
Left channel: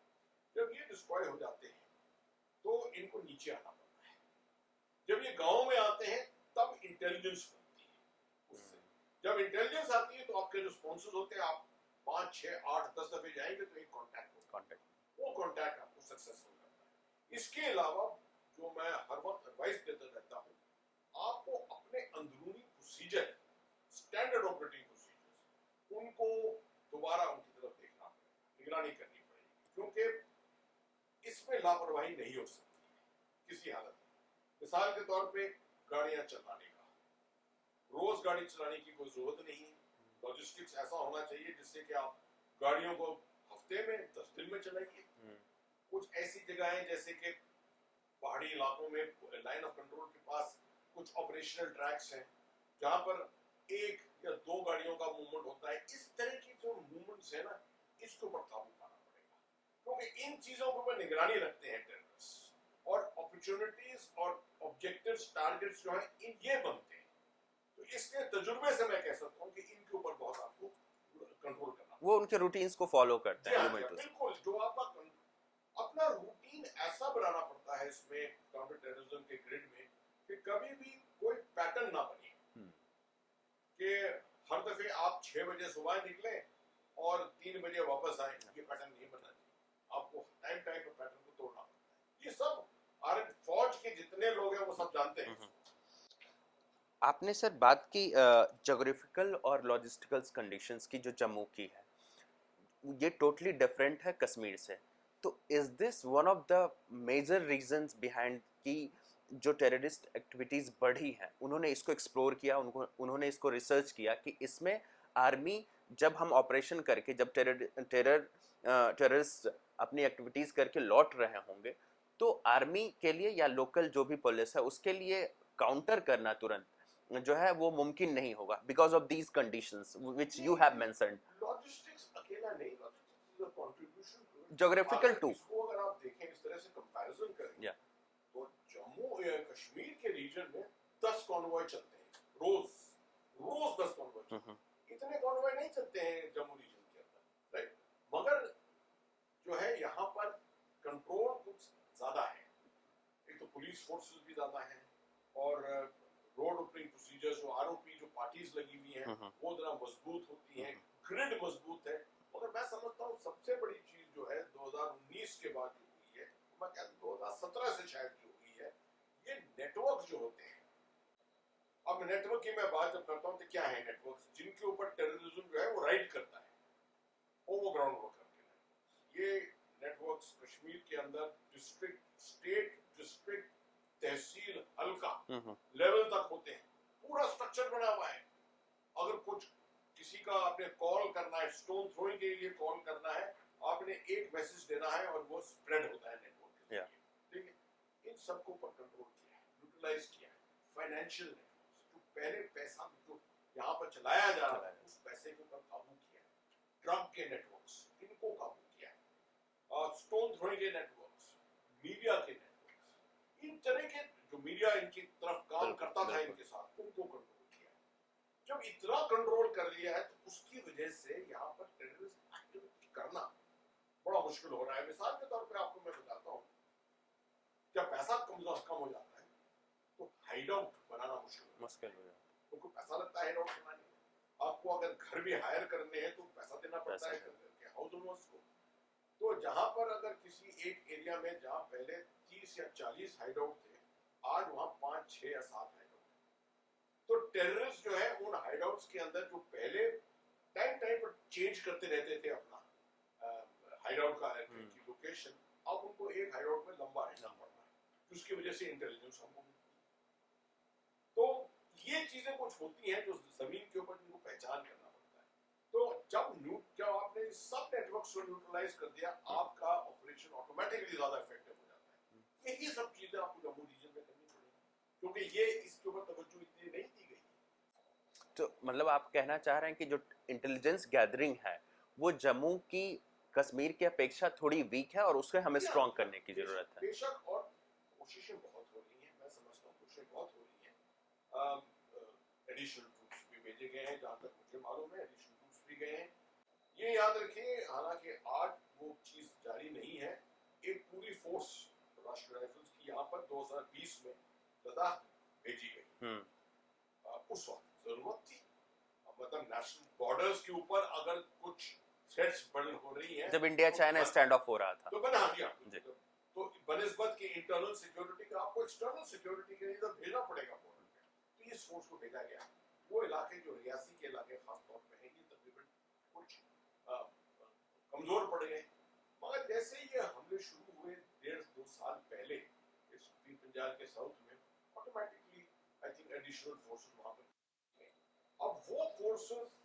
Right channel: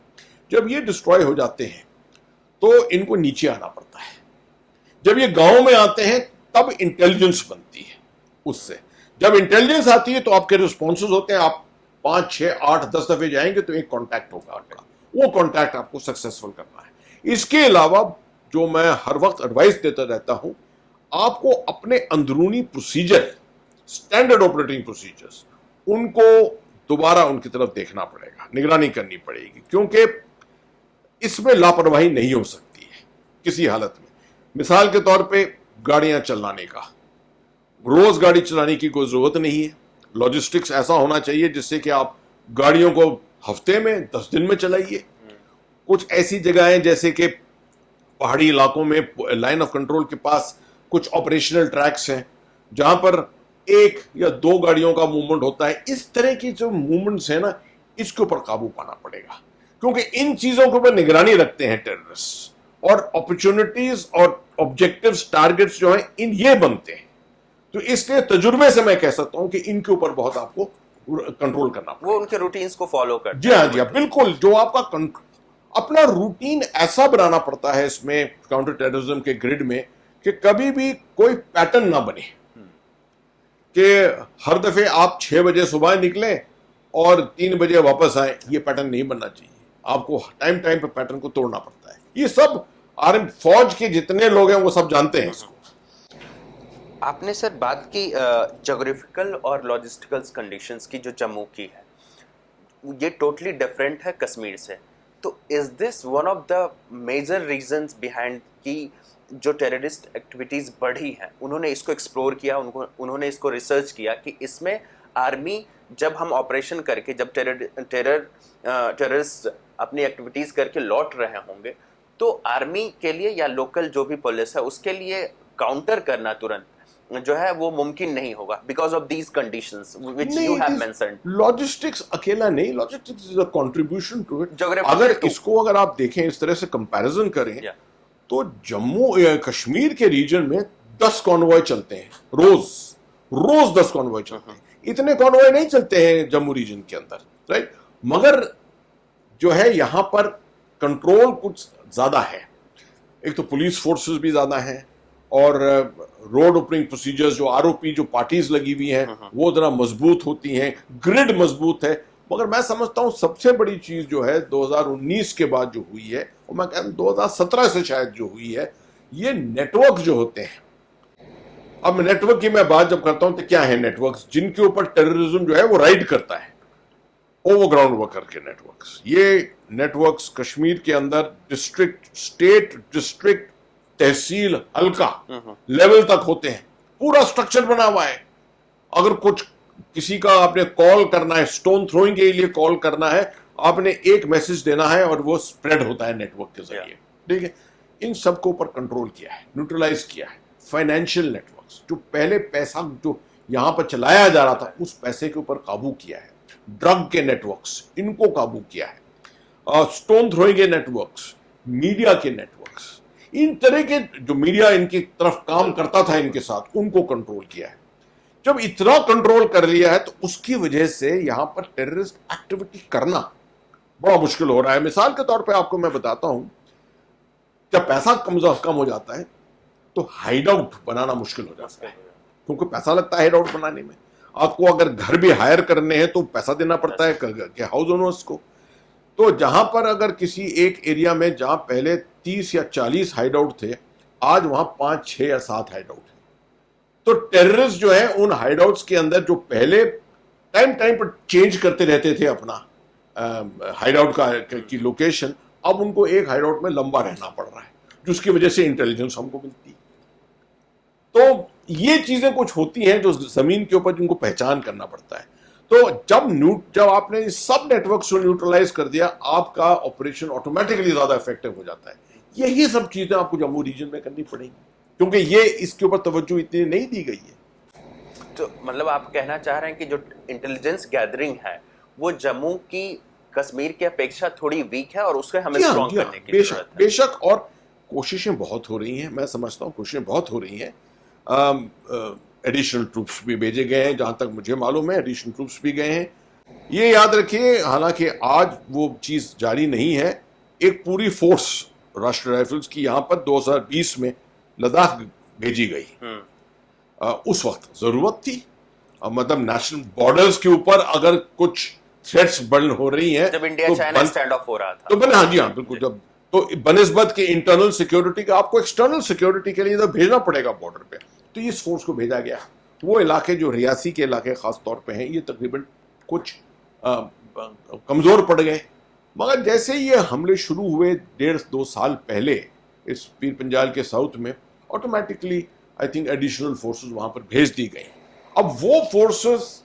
जब ये डिस्ट्रॉय हो जाते हैं तो इनको नीचे आना पड़ता है। जब ये गांव में आते हैं तब इंटेलिजेंस बनती है उससे। जब इंटेलिजेंस आती है तो आपके रिस्पॉन्सेज होते हैं, आप 5, 6, 8, 10 दफे जाएंगे तो एक कॉन्टैक्ट होगा आपका, वो कॉन्टैक्ट आपको सक्सेसफुल करना है। इसके अलावा जो मैं हर वक्त एडवाइस देता रहता हूं, आपको अपने अंदरूनी प्रोसीजर, स्टैंडर्ड ऑपरेटिंग प्रोसीजर्स, उनको दोबारा उनकी तरफ देखना पड़ेगा, निगरानी करनी पड़ेगी, क्योंकि इसमें लापरवाही नहीं हो सकती है किसी हालत में। मिसाल के तौर पे गाड़ियां चलाने का, रोज गाड़ी चलाने की कोई जरूरत नहीं है। लॉजिस्टिक्स ऐसा होना चाहिए जिससे कि आप गाड़ियों को हफ्ते में 10 दिन में चलाइए। कुछ ऐसी जगहें जैसे कि पहाड़ी इलाकों में लाइन ऑफ कंट्रोल के पास कुछ ऑपरेशनल ट्रैक्स हैं जहां पर 1 या 2 गाड़ियों का मूवमेंट होता है। इस तरह की जो मूवमेंट्स है ना, इसके ऊपर काबू पाना पड़ेगा, क्योंकि इन चीजों के ऊपर निगरानी रखते हैं टेररिस्ट, और अपॉर्चुनिटीज और ऑब्जेक्टिव्स, टारगेट्स जो हैं इन ये बनते हैं। तो इसलिए तजुर्बे से मैं कह सकता हूं कि इनके ऊपर बहुत आपको कंट्रोल करना पड़ेगा। वो उनके रूटीन्स को फॉलो करते जी हाँ, जी हाँ, बिल्कुल। जो आपका अपना रूटीन ऐसा बनाना पड़ता है इसमें काउंटर टेररिज्म के ग्रिड में कि कभी भी कोई पैटर्न ना बने कि हर दफे आप 6 बजे सुबह निकलें और 3 बजे वापस आए। ये पैटर्न नहीं बनना चाहिए। आपको टाइम टाइम पे पैटर्न को तोड़ना पड़ता है। ये सब आर्मी फौज के जितने लोग हैं वो सब जानते हैं इसको। आपने सर बात की जोग्राफिकल और लॉजिस्टिकल कंडीशंस की, जो जम्मू की है ये टोटली डिफरेंट है कश्मीर से। तो is this one of the major reasons behind कि जो टेररिस्ट एक्टिविटीज़ बढ़ी हैं, उन्होंने इसको एक्सप्लोर किया, उन्होंने इसको रिसर्च किया कि इसमें आर्मी जब हम ऑपरेशन करके, जब टेररिस्ट अपनी एक्टिविटीज़ करके लौट रहे होंगे, तो आर्मी के लिए या लोकल जो भी पुलिस है उसके लिए काउंटर करना तुरंत जो है वो मुमकिन नहीं होगा, because of these conditions which you have mentioned. Logistics अकेला नहीं, logistics is a contribution to it. Geographical अगर too. इसको अगर आप देखें, इस तरह से कंपैरिजन करें, Yeah. तो जम्मू कश्मीर के रीजन में 10 कॉन्वॉय चलते हैं रोज 10 कॉन्वॉय चलते हैं। इतने कॉन्वॉय नहीं चलते हैं जम्मू रीजन के अंदर, राइट। मगर जो है यहाँ पर कंट्रोल कुछ ज्यादा है। एक तो पुलिस फोर्सेस भी ज्यादा हैं, और रोड ओपनिंग प्रोसीजर्स, जो आरओपी जो पार्टीज लगी हुई हैं वो जरा मजबूत होती हैं, ग्रिड मजबूत है। मगर मैं समझता हूं सबसे बड़ी चीज जो है 2019 के बाद जो हुई है, और मैं कहता हूं 2017 से शायद जो हुई है, ये नेटवर्क जो होते हैं। अब नेटवर्क की मैं बात जब करता हूं तो क्या है नेटवर्क्स जिनके ऊपर टेररिज्म जो है वो राइड करता है, ओवरग्राउंड वर्कर के नेटवर्क्स। ये नेटवर्क्स कश्मीर के अंदर डिस्ट्रिक्ट, स्टेट, डिस्ट्रिक्ट, तहसील, हल्का लेवल तक होते हैं। पूरा स्ट्रक्चर बना हुआ है। अगर कुछ किसी का आपने कॉल करना है, स्टोन थ्रोइंग के लिए कॉल करना है, आपने एक मैसेज देना है और वो स्प्रेड होता है नेटवर्क के जरिए, ठीक है। इन सबको ऊपर कंट्रोल किया है, न्यूट्रलाइज किया है। फाइनेंशियल नेटवर्क्स, जो पहले पैसा जो यहां पर चलाया जा रहा था, उस पैसे के ऊपर काबू किया है। ड्रग के नेटवर्क्स, इनको काबू किया है। स्टोन थ्रोइंग के नेटवर्क्स, मीडिया के नेटवर्क्स, इन तरह के जो मीडिया इनकी तरफ काम करता था इनके साथ, उनको कंट्रोल किया है। जब इतना कंट्रोल कर लिया है तो उसकी वजह से यहां पर टेररिस्ट एक्टिविटी करना बड़ा मुश्किल हो रहा है। मिसाल के तौर पे आपको मैं बताता हूं, जब पैसा कम हो जाता है तो हाइड आउट बनाना मुश्किल हो जाता है, क्योंकि पैसा लगता है हाइड आउट बनाने में। आपको अगर घर भी हायर करने हैं तो पैसा देना पड़ता है कि हाउस ओनर्स को। तो जहां पर अगर किसी एक एरिया में जहां पहले 30 या 40 हाइड आउट थे, आज वहां 5, 6 या 7 हाइड आउट है। तो टेररिस्ट जो है उन हाइड आउट्स के अंदर, जो पहले टाइम टाइम पर चेंज करते रहते थे अपना हाइड आउट की लोकेशन, अब उनको एक हाइड आउट में लंबा रहना पड़ रहा है, जिसकी वजह से इंटेलिजेंस हमको मिलती है। तो ये चीजें कुछ होती हैं जो जमीन के ऊपर जिनको पहचान करना पड़ता है। तो जब आपने इस सब नेटवर्क को न्यूट्रलाइज कर दिया, आपका ऑपरेशन ऑटोमेटिकली ज्यादा इफेक्टिव हो जाता है। यही सब चीजें आपको जम्मू रीजन में करनी पड़ेंगी, क्योंकि ये इसके ऊपर तवज्जो इतनी नहीं दी गई है। तो मतलब आप कहना चाह रहे हैं कि जो इंटेलिजेंस गैदरिंग है वो जम्मू की कश्मीर की अपेक्षा थोड़ी वीक है और उसको हमें स्ट्रॉन्ग करने की जरूरत है। बेशक, और कोशिशें बहुत हो रही हैं, मैं समझता हूँ कोशिशें बहुत हो रही हैं। एडिशनल ट्रूप्स भी भेजे गए हैं, जहां तक मुझे मालूम है एडिशनल ट्रूप्स भी गए हैं। ये याद रखिए, हालांकि आज वो चीज जारी नहीं है, एक पूरी फोर्स राष्ट्रीय राइफल्स की यहां पर 2020 में लद्दाख भेजी गई। उस वक्त जरूरत थी, मतलब नेशनल बॉर्डर्स के ऊपर अगर कुछ थ्रेट्स बढ़ हो रही हैं, जब इंडिया चाइना स्टैंड ऑफ हो रहा था, तो हाँ जी हाँ बिल्कुल, जब तो बनिस्बत के इंटरनल सिक्योरिटी का आपको एक्सटर्नल सिक्योरिटी के लिए तो भेजना पड़ेगा बॉर्डर पे, तो इस फोर्स को भेजा गया। वो इलाके जो रियासी के इलाके खास तौर पे हैं, ये तकरीबन कुछ कमजोर पड़ गए। मगर जैसे ये हमले शुरू हुए 1.5-2 साल पहले इस पीर पंजाल के साउथ में, automatically I think additional forces वहां पर भेज दी गई। अब वो फोर्सेस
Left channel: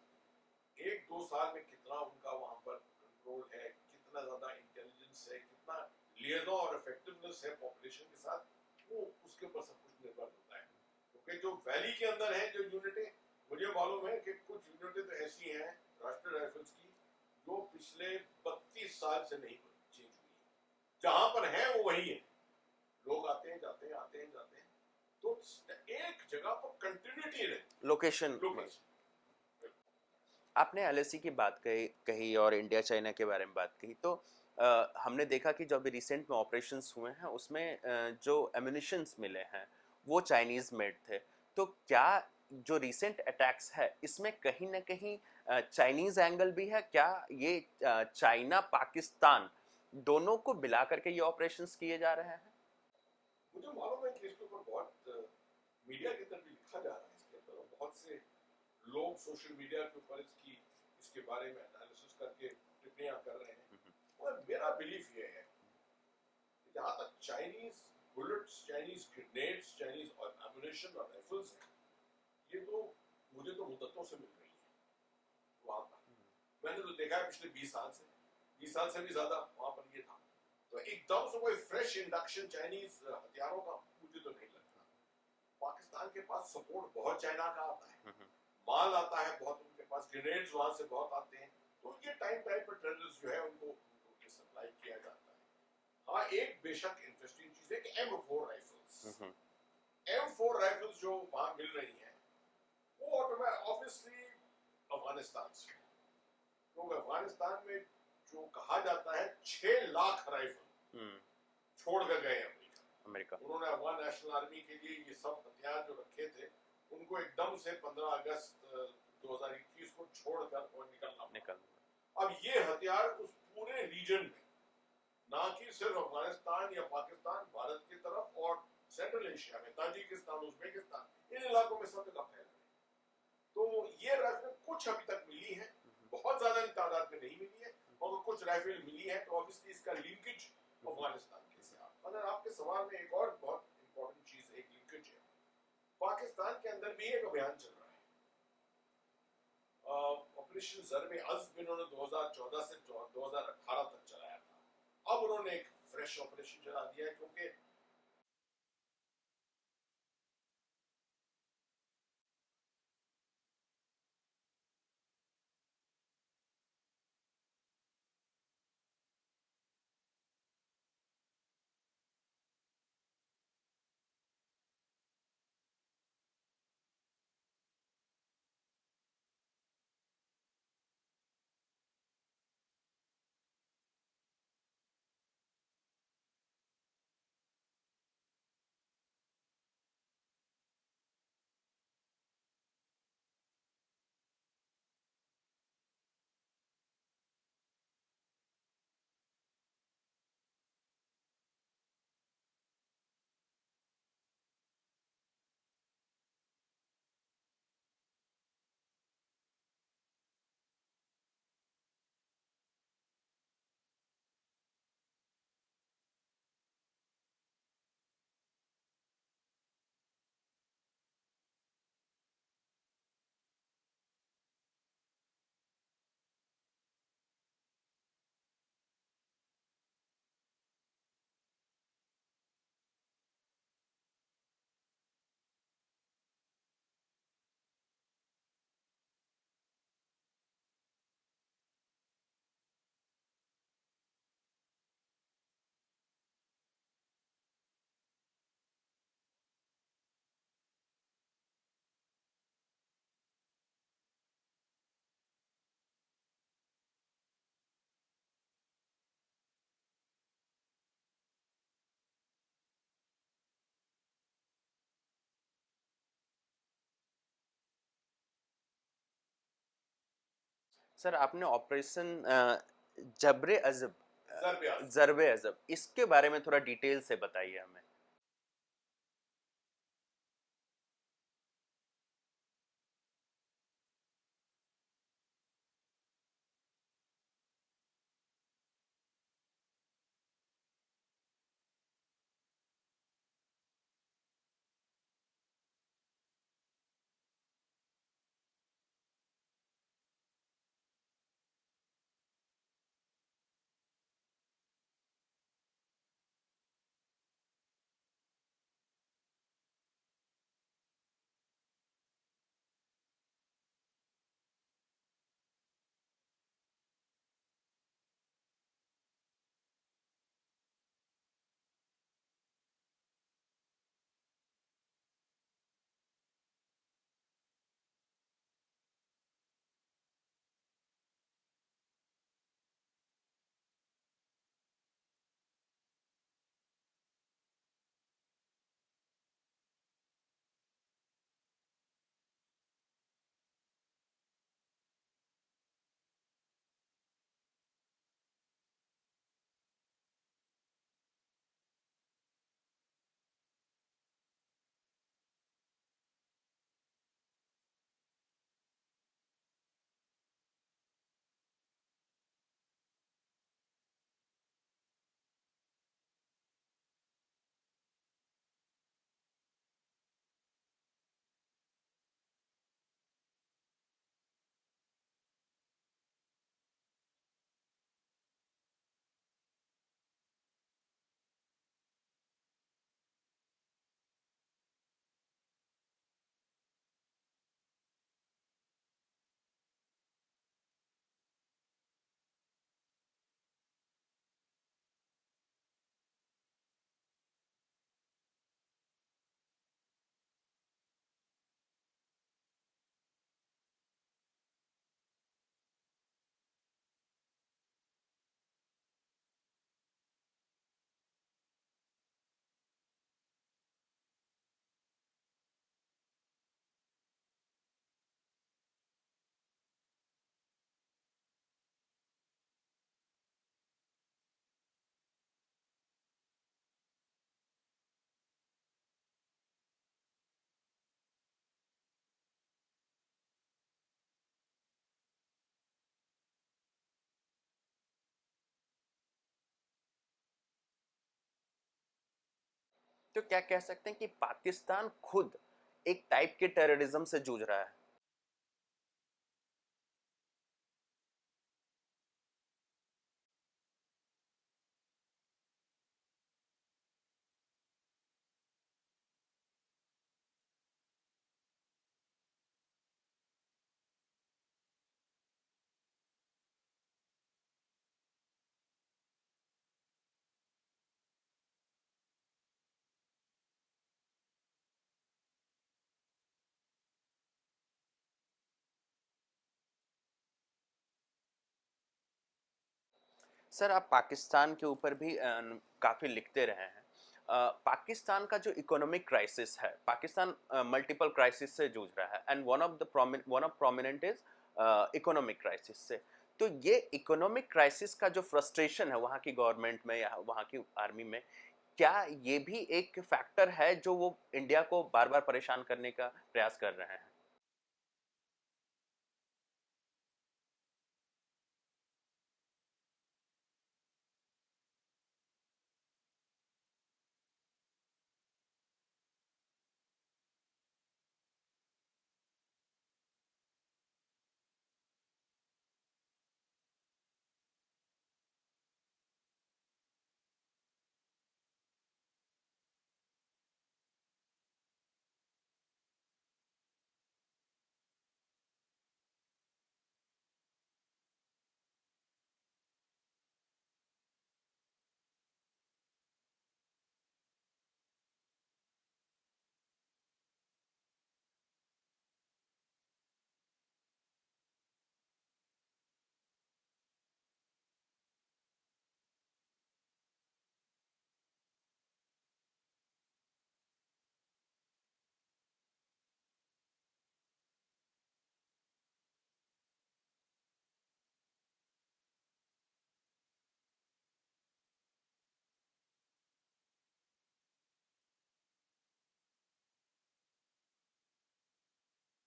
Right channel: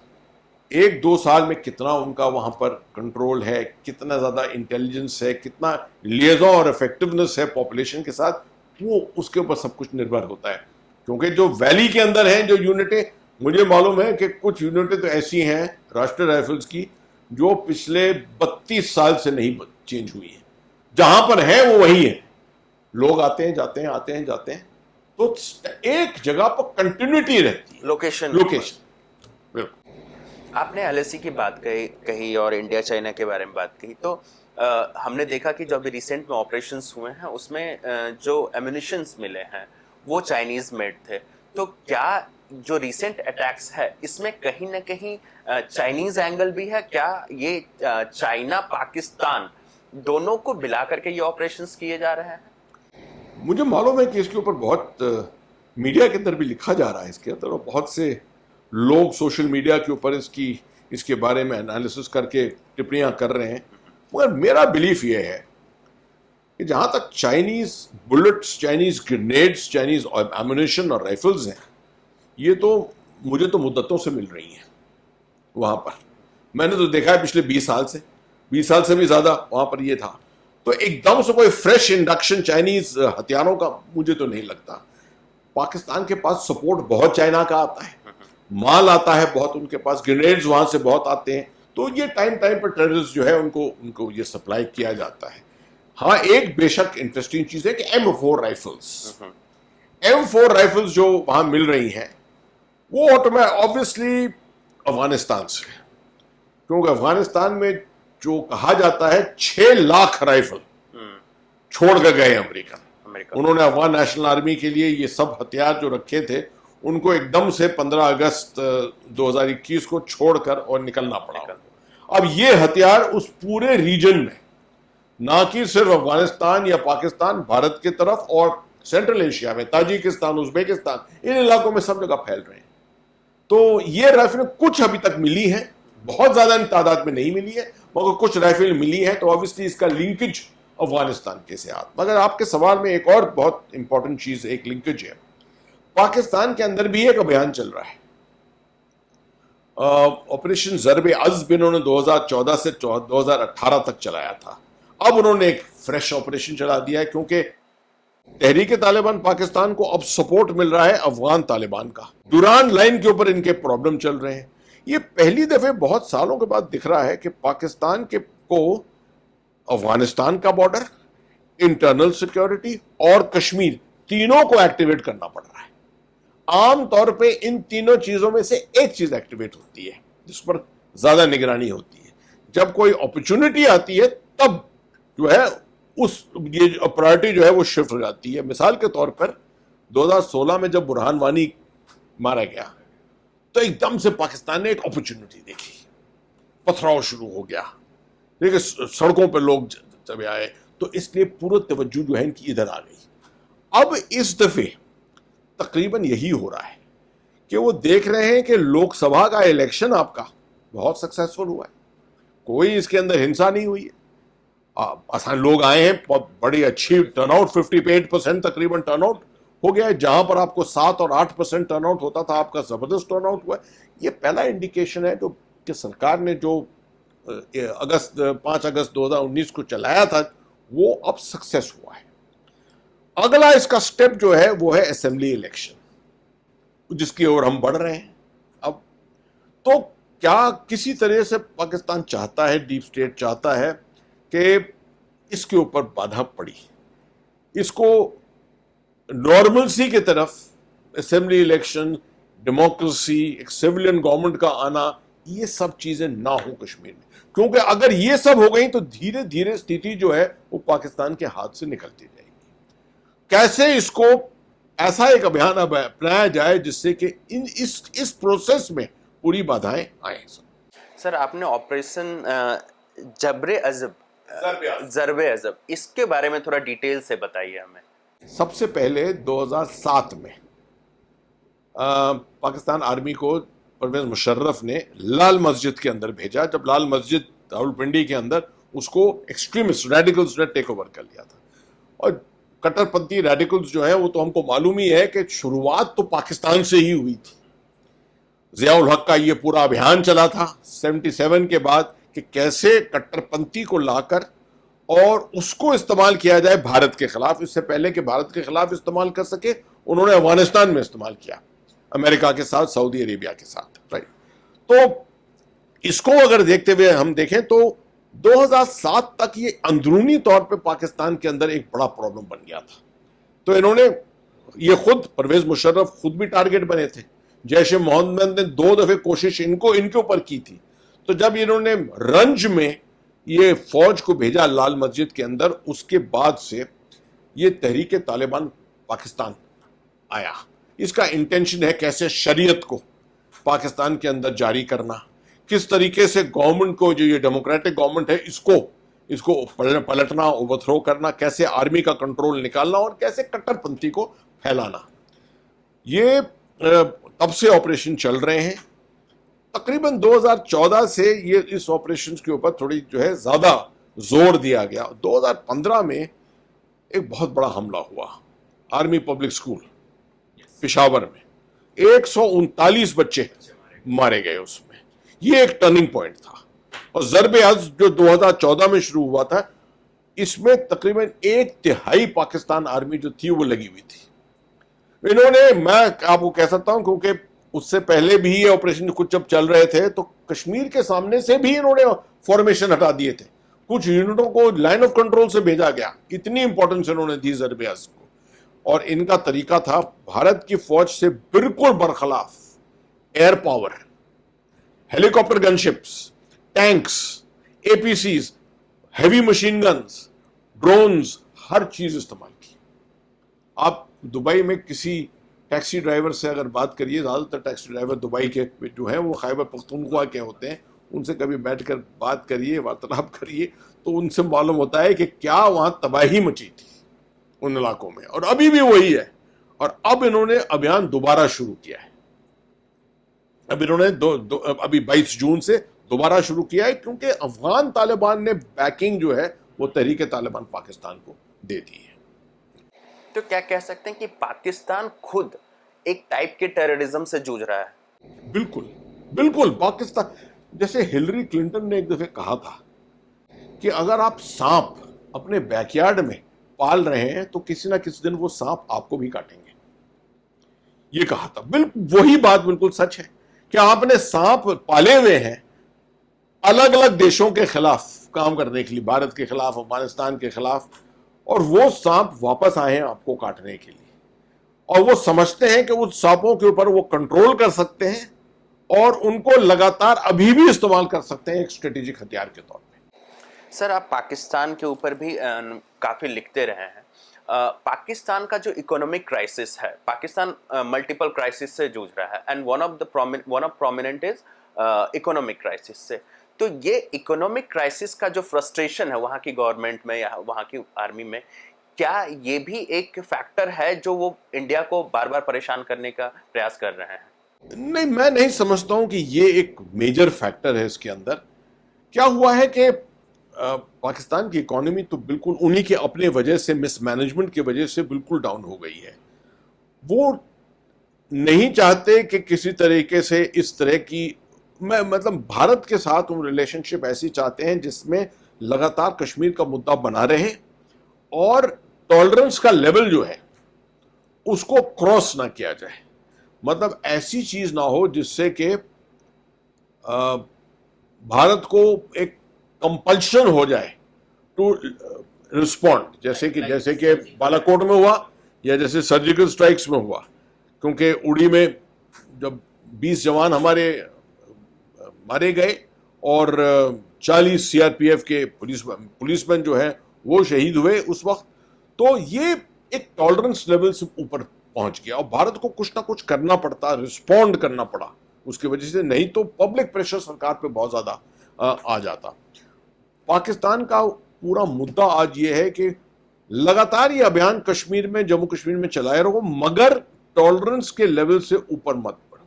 1-2 साल में कितना उनका वहां पर कंट्रोल है, कितना ज्यादा इंटेलिजेंस है, कितना लिएजन और इफेक्टिवनेस है पॉपुलेशन के साथ, वो उसके ऊपर सब कुछ निर्भर होता है। क्योंकि जो वैली के अंदर हैं जो यूनिटें, मुझे मालूम है कि कुछ यूनिटें तो ऐसी हैं राष्ट्रीय राइफल्स की जो पिछले 32 साल से नहीं चेंज हुई है, जहां पर है वो वही है। लोग आते हैं जाते हैं, आते हैं जाते हैं, तो एक जगह पर कंटिन्यूटी रहती है। लोकेशन बिल्कुल। आपने एलएसी की बात कही और इंडिया चाइना के बारे में बात कही, तो हमने देखा कि जो अभी रिसेंट में ऑपरेशंस हुए हैं उसमें जो एम्युनिशंस मिले हैं वो चाइनीज मेड थे। तो क्या जो रिसेंट अटैक्स है इसमें कहीं ना कहीं चाइनीज एंगल भी है? क्या ये चाइना पाकिस्तान दोनों को मिला करके ये ऑपरेशंस किए जा रहे हैं? मुझे मालूम है कि इसके ऊपर बहुत मीडिया के अंदर भी लिखा जा रहा है इसके अंदर, और बहुत से लोग सोशल मीडिया के ऊपर इसके बारे में एनालिसिस करके टिप्पणियां कर रहे हैं। मगर मेरा बिलीफ ये है कि जहां तक Chinese bullets, Chinese grenades, Chinese ammunition और राइफल्स हैं, ये तो मुझे तो मुद्दतों से मिल रही हैं वहां पर। मैंने तो देखा है पिछले 20 साल से भी ज्यादा वहां पर ये था। तो एकदम से कोई फ्रेश इंडक्शन चाइनीज हथियारों का मुझे तो नहीं लगता। पाकिस्तान के पास सपोर्ट बहुत चाइना का आता है, माल आता है बहुत, उनके पास ग्रेनेड्स वहां से बहुत आते हैं। तो ये टाइम पर टेररिस्ट जो है उनको ये सप्लाई किया जाता है। हाँ, एक बेशक इंटरेस्टिंग चीज है कि M4 राइफल्स जो वहां मिल रही हैं वो ऑब्वियसली अफगानिस्तान से, क्योंकि अफगानिस्तान में जो कहा जाता है 6 लाख राइफल छोड़ कर गए अमेरिका। उन्होंने अफगान नेशनल आर्मी के लिए ये सब हथियार जो रखे थे उनको एकदम से 15 अगस्त 2021 को छोड़कर और निकलना पड़ा। अब ये हथियार उस पूरे रीजन में, ना कि सिर्फ अफगानिस्तान या पाकिस्तान, भारत की तरफ और सेंट्रल एशिया में ताजिकिस्तान, उज्बेकिस्तान, इन इलाकों में सब जगह फैल रहे हैं। तो ये राइफल कुछ अभी तक मिली है, बहुत ज्यादा तादाद में नहीं मिली है, मगर कुछ राइफल मिली है। तो ऑब्वियसली इसका लिंकेज अफगानिस्तान के साथ। मगर आपके सवाल में एक और बहुत इंपॉर्टेंट चीज, एक लिंकेज है। पाकिस्तान के अंदर भी एक अभियान चल रहा है, ऑपरेशन ज़रब अज़्ब इन्होंने 2014 से 2018 तक चलाया था। अब उन्होंने एक फ्रेश ऑपरेशन चला दिया है, क्योंकि तहरीक तालिबान पाकिस्तान को अब सपोर्ट मिल रहा है अफगान तालिबान का। दुरान लाइन के ऊपर इनके प्रॉब्लम चल रहे हैं। ये पहली दफे बहुत सालों के बाद दिख रहा है कि पाकिस्तान को अफगानिस्तान का बॉर्डर, इंटरनल सिक्योरिटी और कश्मीर तीनों को एक्टिवेट करना पड़ रहा है। आमतौर पे इन तीनों चीजों में से एक चीज एक्टिवेट होती है जिस पर ज्यादा निगरानी होती है। जब कोई अपॉर्चुनिटी आती है तब जो है ये प्रायोरिटी जो है वो शिफ्ट हो जाती है। मिसाल के तौर पर 2016 में जब बुरहान वानी मारा गया तो एकदम से पाकिस्तान ने एक अपॉर्चुनिटी देखी, पथराव शुरू हो गया, देखिए सड़कों पर लोग जब आए, तो इसलिए पूरा तवज्जो जो है इनकी इधर आ गई। अब इस दफे तकरीबन यही हो रहा है कि वो देख रहे हैं कि लोकसभा का इलेक्शन आपका बहुत सक्सेसफुल हुआ है, कोई इसके अंदर हिंसा नहीं हुई है, आसान लोग आए हैं, बड़ी अच्छी टर्नआउट, 58% तकरीबन टर्नआउट हो गया है। जहां पर आपको 7 और 8% टर्नआउट होता था, आपका जबरदस्त टर्नआउट हुआ है। ये पहला इंडिकेशन है जो कि सरकार ने जो 5 अगस्त 2019 को चलाया था वो अब सक्सेस हुआ है। अगला इसका स्टेप जो है वो है असेंबली इलेक्शन, जिसकी ओर हम बढ़ रहे हैं। अब तो क्या किसी तरह से पाकिस्तान चाहता है, डीप स्टेट चाहता है कि इसके ऊपर बाधा पड़ी, इसको नॉर्मलसी की तरफ, असेंबली इलेक्शन, डेमोक्रेसी, एक सिविलियन गवर्नमेंट का आना, ये सब चीजें ना हो कश्मीर में। क्योंकि अगर ये सब हो गई तो धीरे धीरे स्थिति जो है वो पाकिस्तान के हाथ से निकलती जाएगी। कैसे इसको ऐसा एक अभियान अपनाया जाए जिससे कि इस प्रोसेस में पूरी बाधाएं आए। सर, आपने ऑपरेशन ज़रब अज़ब इसके बारे में थोड़ा डिटेल से बताइए हमें। सबसे पहले 2007 में पाकिस्तान आर्मी को परवेज मुशर्रफ ने लाल मस्जिद के अंदर भेजा, जब लाल मस्जिद रावलपिंडी के अंदर उसको एक्सट्रीमिस्ट रेडिकल्स ने टेक ओवर कर लिया था। और कट्टरपंथी रेडिकल्स जो है वो तो हमको मालूम ही है कि शुरुआत तो पाकिस्तान से ही हुई थी। जियाउल हक का ये पूरा अभियान चला था 77 के बाद कि कैसे कट्टरपंथी को लाकर और उसको इस्तेमाल किया जाए भारत के खिलाफ। इससे पहले कि भारत के खिलाफ इस्तेमाल कर सके, उन्होंने अफगानिस्तान में इस्तेमाल किया, अमेरिका के साथ, सऊदी अरेबिया के साथ, राइट। तो इसको अगर देखते हुए हम देखें तो 2007 तक ये अंदरूनी तौर पे पाकिस्तान के अंदर एक बड़ा प्रॉब्लम बन गया था। तो इन्होंने ये खुद परवेज मुशर्रफ खुद भी टारगेट बने थे। जैश ए मोहम्मद ने 2 दफे कोशिश इनके ऊपर की थी। तो जब इन्होंने रंज में ये फौज को भेजा लाल मस्जिद के अंदर, उसके बाद से ये तहरीक तालिबान पाकिस्तान आया। इसका इंटेंशन है कैसे शरीयत को पाकिस्तान के अंदर जारी करना, किस तरीके से गवर्नमेंट को, जो ये डेमोक्रेटिक गवर्नमेंट है, इसको पलटना, ओवरथ्रो करना, कैसे आर्मी का कंट्रोल निकालना और कैसे कट्टरपंथी को फैलाना। ये तब से ऑपरेशन चल रहे हैं। तकरीबन 2014 से ये इस ऑपरेशन के ऊपर थोड़ी जो है ज्यादा जोर दिया गया। 2015 में एक बहुत बड़ा हमला हुआ आर्मी पब्लिक स्कूल पेशावर में, 139 बच्चे मारे गए उसमें। ये एक टर्निंग पॉइंट था। और ज़रबे अज़्ज़ जो 2014 में शुरू हुआ था, इसमें तकरीबन 1/3 पाकिस्तान आर्मी जो थी वो लगी हुई थी। इन्होंने, मैं आपको कह सकता हूं क्योंकि उससे पहले भी ये ऑपरेशन कुछ जब चल रहे थे तो कश्मीर के सामने से भी इन्होंने फॉर्मेशन हटा दिए थे, कुछ यूनिटों को लाइन ऑफ कंट्रोल से भेजा गया। इतनी इंपॉर्टेंस इन्होंने दी ज़रबे अज़्ज़ को। और इनका तरीका था भारत की फौज से बिल्कुल बरखलाफ air power, helicopter gunships, tanks, APCs, heavy machine guns, drones, हर चीज इस्तेमाल की। आप दुबई में किसी टैक्सी ड्राइवर से अगर बात करिए, ज्यादातर टैक्सी ड्राइवर दुबई के जो हैं वो खैबर पख्तूनख्वा के होते हैं, उनसे कभी बैठकर बात करिए, वार्तालाप करिए, तो उनसे मालूम होता है कि क्या वहां तबाही मची थी उन इलाकों में। और अभी भी वही है। और अब इन्होंने अभियान दोबारा शुरू किया है। अब इन्होंने अभी 22 जून से दोबारा शुरू किया है, क्योंकि अफगान तालिबान ने बैकिंग जो है वो तहरीक तालिबान पाकिस्तान को दे दी है। तो क्या कह सकते हैं कि पाकिस्तान खुद एक टाइप के टेररिज्म से जूझ रहा है? बिल्कुल बिल्कुल। पाकिस्तान, जैसे हिलरी क्लिंटन ने एक दफे कहा था कि अगर आप सांप अपने बैकयार्ड में पाल रहे हैं तो किसी ना किसी दिन वो सांप आपको भी काटेंगे, ये कहा था। बिल्कुल वही बात बिल्कुल सच है कि आपने सांप पाले हुए हैं अलग अलग देशों के खिलाफ काम करने के लिए, भारत के खिलाफ, अफगानिस्तान के खिलाफ, और वो सांप वापस आए हैं आपको काटने के लिए। और वो समझते हैं कि उस सांपों के ऊपर वो कंट्रोल कर सकते हैं और उनको लगातार अभी भी इस्तेमाल कर सकते हैं एक स्ट्रेटेजिक हथियार के तौर पे। सर, आप पाकिस्तान के ऊपर भी काफी लिखते रहे हैं। पाकिस्तान का जो इकोनॉमिक क्राइसिस है, पाकिस्तान मल्टीपल क्राइसिस से जूझ रहा है, and one of prominent is economic crisis से। तो ये इकोनॉमिक क्राइसिस का जो फ्रस्ट्रेशन है वहाँ की गवर्नमेंट में या वहाँ की आर्मी में, क्या ये भी एक फैक्टर है जो वो इंडिया को बार बार परेशान करने का प्रयास कर रहे हैं? नहीं, मैं नहीं समझता हूं कि ये एक मेजर फैक्टर है इसके अंदर। क्या हुआ है कि पाकिस्तान की इकोनॉमी तो बिल्कुल उन्हीं के अपने वजह से, मिसमैनेजमेंट की वजह से बिल्कुल डाउन हो गई है। वो नहीं चाहते कि किसी तरीके से इस तरह की, मतलब भारत के साथ वो रिलेशनशिप ऐसी चाहते हैं जिसमें लगातार कश्मीर का मुद्दा बना रहे और टॉलरेंस का लेवल जो है उसको क्रॉस ना किया जाए। मतलब ऐसी चीज ना हो जिससे कि भारत को एक कंपल्शन हो जाए टू रिस्पॉन्ड, जैसे कि बालाकोट में हुआ या जैसे सर्जिकल स्ट्राइक्स में हुआ। क्योंकि उड़ी में जब 20 जवान हमारे मारे गए और 40 सीआरपीएफ के पुलिसमैन जो है वो शहीद हुए उस वक्त, तो ये एक टॉलरेंस लेवल से ऊपर पहुंच गया और भारत को कुछ ना कुछ करना पड़ता, रिस्पॉन्ड करना पड़ा उसकी वजह से, नहीं तो पब्लिक प्रेशर सरकार पे बहुत ज्यादा आ जाता। पाकिस्तान का पूरा मुद्दा आज ये है कि लगातार ये अभियान कश्मीर में, जम्मू कश्मीर में चलाए रहो, मगर टॉलरेंस के लेवल से ऊपर मत बढ़ो।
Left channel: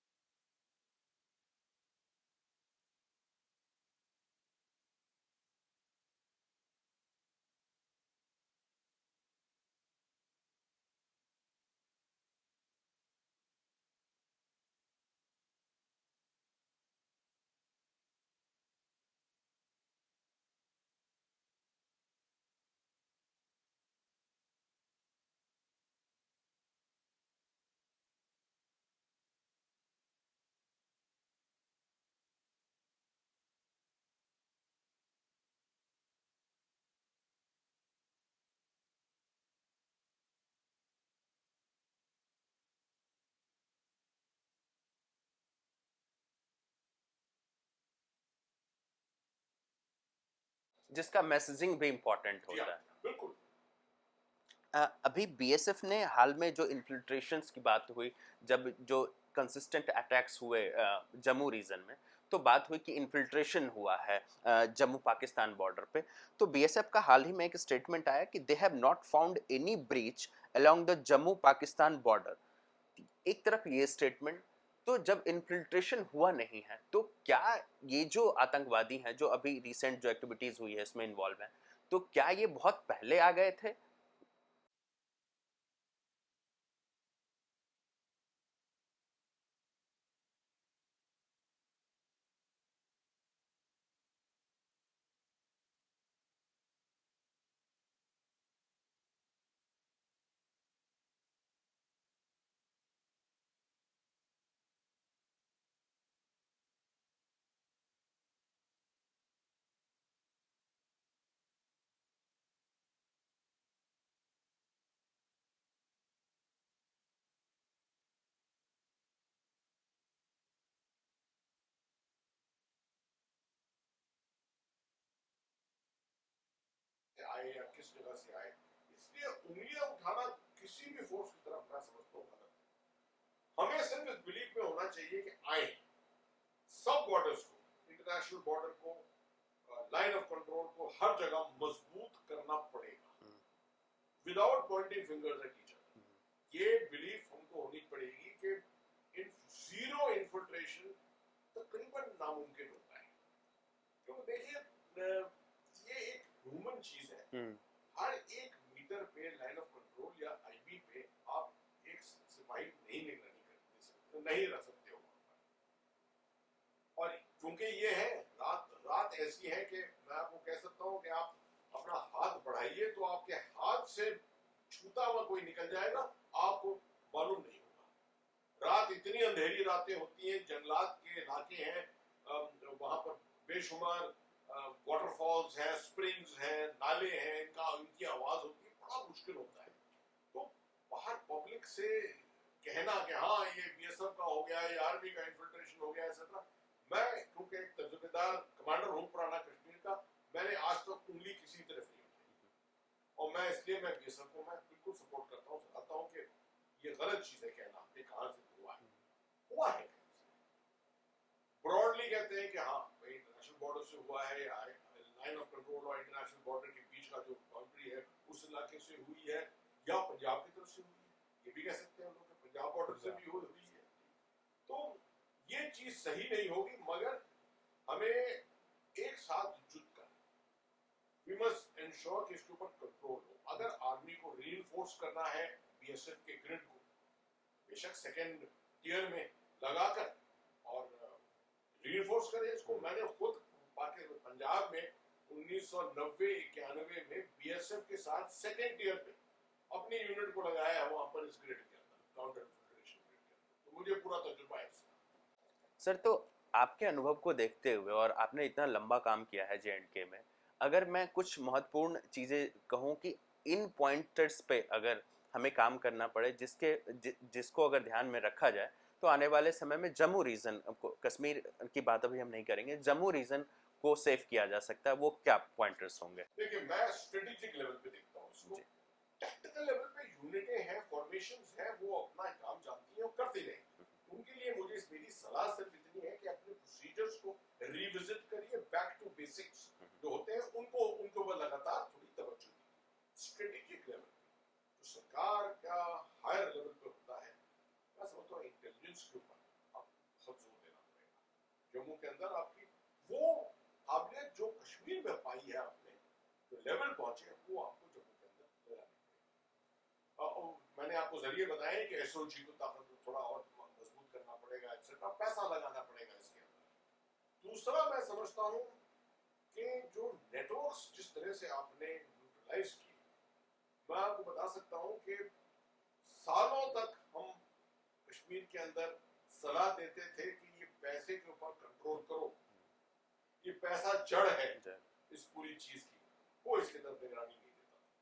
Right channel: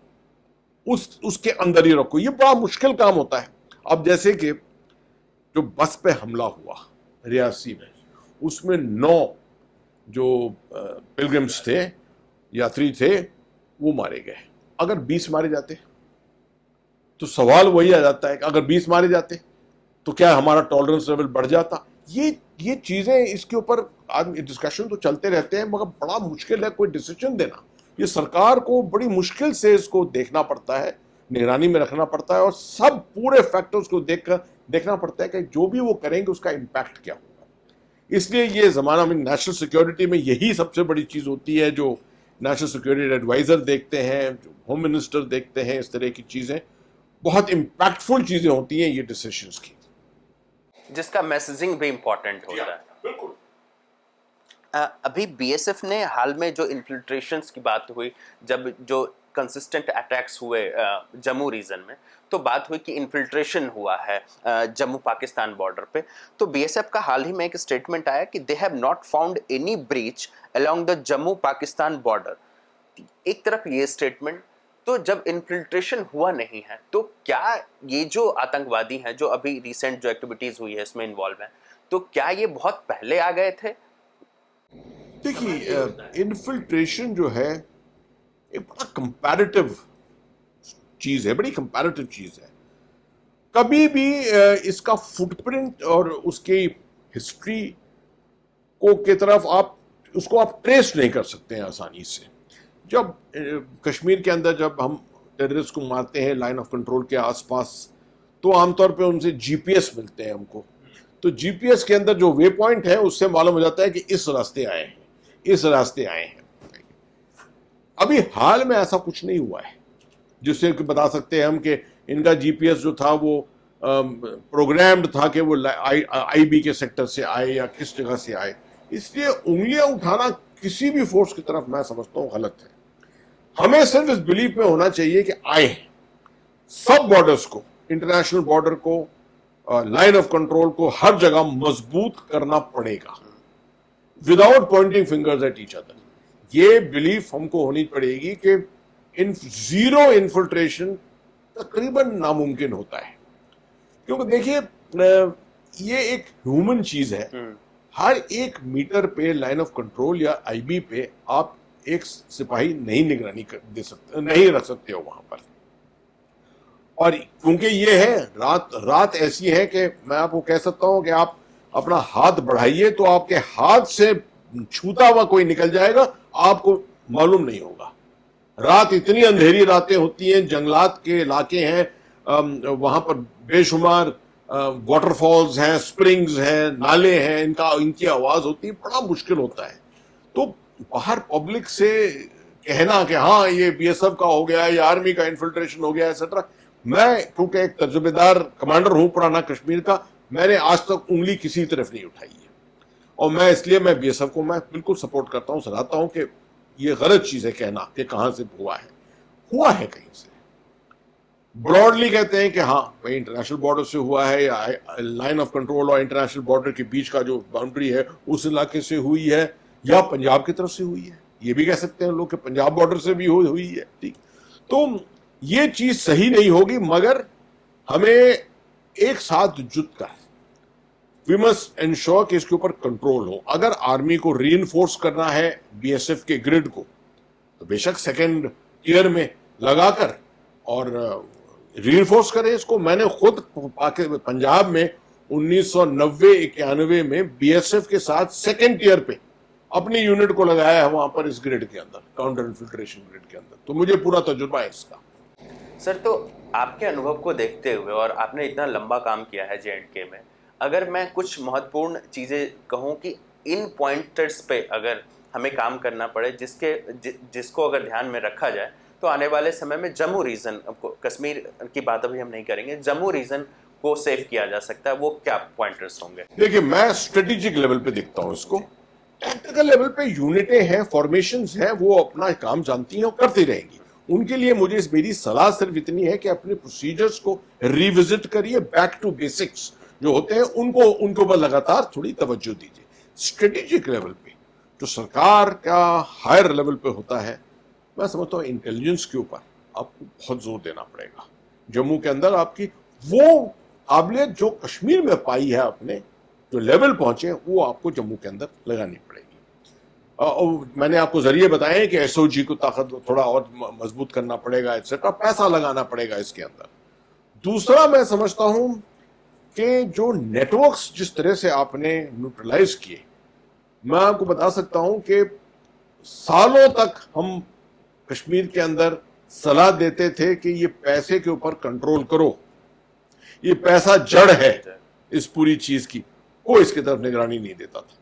उसके अंदर ही रखो। ये बड़ा मुश्किल काम होता है। अब जैसे कि जो बस पे हमला हुआ रियासी में, उसमें 9 जो पिलग्रिम्स थे, यात्री थे, वो मारे गए। अगर 20 मारे जाते तो सवाल वही आ जाता है कि अगर 20 मारे जाते तो क्या हमारा टॉलरेंस लेवल बढ़ जाता। ये चीजें, इसके ऊपर आदमी डिस्कशन तो चलते रहते हैं, मगर बड़ा मुश्किल है कोई डिसीजन देना। ये सरकार को बड़ी मुश्किल से इसको देखना पड़ता है, निगरानी में रखना पड़ता है, और सब पूरे फैक्टर्स को देखकर देखना पड़ता है कि जो भी वो करेंगे उसका इम्पैक्ट क्या होगा। इसलिए ये जमाना में नेशनल सिक्योरिटी में यही सबसे बड़ी चीज होती है, जो नेशनल सिक्योरिटी एडवाइजर देखते हैं, जो होम मिनिस्टर देखते हैं, इस तरह की चीजें बहुत इम्पैक्टफुल चीजें होती हैं ये डिसीजंस की, जिसका मैसेजिंग भी इम्पोर्टेंट होता है। बिल्कुल। अभी बीएसएफ ने हाल में जो इन्फिल्ट्रेशंस की बात हुई, जब जो कंसिस्टेंट अटैक्स हुए जम्मू रीजन में, तो बात हुई कि इन्फिल्ट्रेशन हुआ है जम्मू पाकिस्तान बॉर्डर पे। तो बीएसएफ का हाल ही में एक स्टेटमेंट आया कि they have not found any breach along the Jammu Pakistan border. एक तरफ ये स्टेटमेंट, तो जब इन्फिल्ट्रेशन हुआ नहीं है तो क्या ये जो आतंकवादी हैं जो अभी रिसेंट जो एक्टिविटीज हुई है इसमें इन्वॉल्व हैं, तो क्या ये बहुत पहले आ गए थे? देखिए, इन्फिल्ट्रेशन जो है एक बड़ा कंपैरेटिव चीज है, बड़ी कंपैरेटिव चीज है। कभी भी इसका फुटप्रिंट और उसकी हिस्ट्री को की तरफ उसको आप ट्रेस नहीं कर सकते हैं आसानी से। जब कश्मीर के अंदर जब हम टेररिस्ट को मारते हैं लाइन ऑफ कंट्रोल के आसपास, तो आमतौर पे उनसे जीपीएस मिलते हैं हमको। तो जीपीएस के अंदर जो वे पॉइंट है उससे मालूम हो जाता है कि इस रास्ते आए हैं, इस रास्ते आए हैं। अभी हाल में ऐसा कुछ नहीं हुआ है जिससे कि बता सकते हैं हम कि इनका जीपीएस जो था वो प्रोग्राम्ड था कि वो आईबी के सेक्टर से आए या किस जगह से आए। इसलिए उंगलियां उठाना किसी भी फोर्स की तरफ मैं समझता हूं गलत है। हमें सिर्फ इस बिलीफ में होना चाहिए कि आए हैं। सब बॉर्डर्स को, इंटरनेशनल बॉर्डर को, लाइन ऑफ कंट्रोल को हर जगह मजबूत करना पड़ेगा without Poynting fingers at each other. ये बिलीफ हमको होनी पड़ेगी कि जीरो इन्फिल्ट्रेशन तकरीबन नामुमकिन होता है। क्योंकि देखिए, ये एक ह्यूमन चीज है। हर 1 मीटर पे लाइन ऑफ कंट्रोल या आईबी पे आप एक सिपाही नहीं निगरानी दे सकते, नहीं रख सकते हो वहां पर। और क्योंकि ये है रात ऐसी है कि मैं आपको कह सकता हूं कि आप अपना हाथ बढ़ाइए तो आपके हाथ से छूता हुआ कोई निकल जाएगा, आपको मालूम नहीं होगा। रात इतनी अंधेरी रातें होती हैं, जंगलात के इलाके हैं, वहां पर बेशुमार वाटरफॉल्स हैं, स्प्रिंग्स हैं, नाले हैं, इनकी आवाज होती है, बड़ा मुश्किल होता है। तो बाहर पब्लिक से कहना कि हाँ ये बीएसएफ का हो गया या आर्मी का इन्फिल्ट्रेशन हो गया एक्सेट्रा, मैं क्योंकि एक तजुर्बेदार कमांडर हूं पुराना कश्मीर का, मैंने आज तक उंगली किसी तरफ नहीं उठाई है। और मैं बीएसएफ को मैं बिल्कुल सपोर्ट करता हूं, सराहता हूं कि ये गलत चीज है कहना कि कहां से हुआ है कहीं से। ब्रॉडली कहते हैं कि हाँ भाई इंटरनेशनल बॉर्डर से हुआ है, या लाइन ऑफ कंट्रोल और इंटरनेशनल बॉर्डर के बीच का जो बाउंड्री है उस इलाके से हुई है, या पंजाब की तरफ से हुई है। ये भी कह सकते हैं लोग कि पंजाब बॉर्डर से भी हुई है। ठीक, तो ये चीज सही नहीं होगी, मगर हमें एक साथ जुट कर वी मस्ट एंश्योर कि इसके ऊपर कंट्रोल हो। अगर आर्मी को रीइंफोर्स करना है बीएसएफ के ग्रिड को, तो बेशक सेकेंड टियर में लगाकर और रीइंफोर्स करें इसको। मैंने खुद पंजाब में 1990-91 में बीएसएफ के साथ सेकेंड टियर पे अपनी यूनिट को लगाया है वहां पर, इस ग्रिड के अंदर, काउंटर इन्फिल्ट्रेशन ग्रिड के अंदर। तो मुझे पूरा तजुर्बा है इसका। सर, तो आपके अनुभव को देखते हुए, और आपने इतना लंबा काम किया है जेएंडके में, अगर मैं कुछ महत्वपूर्ण चीज़ें कहूँ कि इन पॉइंटर्स पे अगर हमें काम करना पड़े, जिसको अगर ध्यान में रखा जाए, तो आने वाले समय में जम्मू रीजन को, कश्मीर की बात अभी हम नहीं करेंगे, जम्मू रीजन को सेव किया जा सकता है, वो क्या पॉइंटर्स होंगे? देखिए, मैं स्ट्रेटेजिक लेवल पे देखता हूँ इसको। टैक्टिकल लेवल पे यूनिटें हैं, फॉर्मेशंस हैं, वो अपना काम जानती हैं और करती रहेंगी। उनके लिए मेरी सलाह सिर्फ इतनी है कि अपने प्रोसीजर्स को रिविजिट करिए, बैक टू बेसिक्स जो होते हैं उनको ऊपर लगातार थोड़ी तवज्जो दीजिए। स्ट्रेटेजिक लेवल पे जो सरकार का हायर लेवल पे होता है, मैं समझता हूँ इंटेलिजेंस के ऊपर आपको बहुत जोर देना पड़ेगा। जम्मू के अंदर आपकी वो काबिलियत जो कश्मीर में पाई है, आपने जो लेवल पहुंचे, वो आपको जम्मू के अंदर लगानी पड़ेगी। और मैंने आपको जरिए बताए हैं कि एसओजी को ताकत थोड़ा और मजबूत करना पड़ेगा, एक्सेट्रा, पैसा लगाना पड़ेगा इसके अंदर। दूसरा मैं समझता हूं कि जो नेटवर्क्स जिस तरह से आपने न्यूट्रलाइज किए, मैं आपको बता सकता हूं कि सालों तक हम कश्मीर के अंदर सलाह देते थे कि ये पैसे के ऊपर कंट्रोल करो, ये पैसा जड़ है इस पूरी चीज की, कोई इसकी तरफ निगरानी नहीं देता था।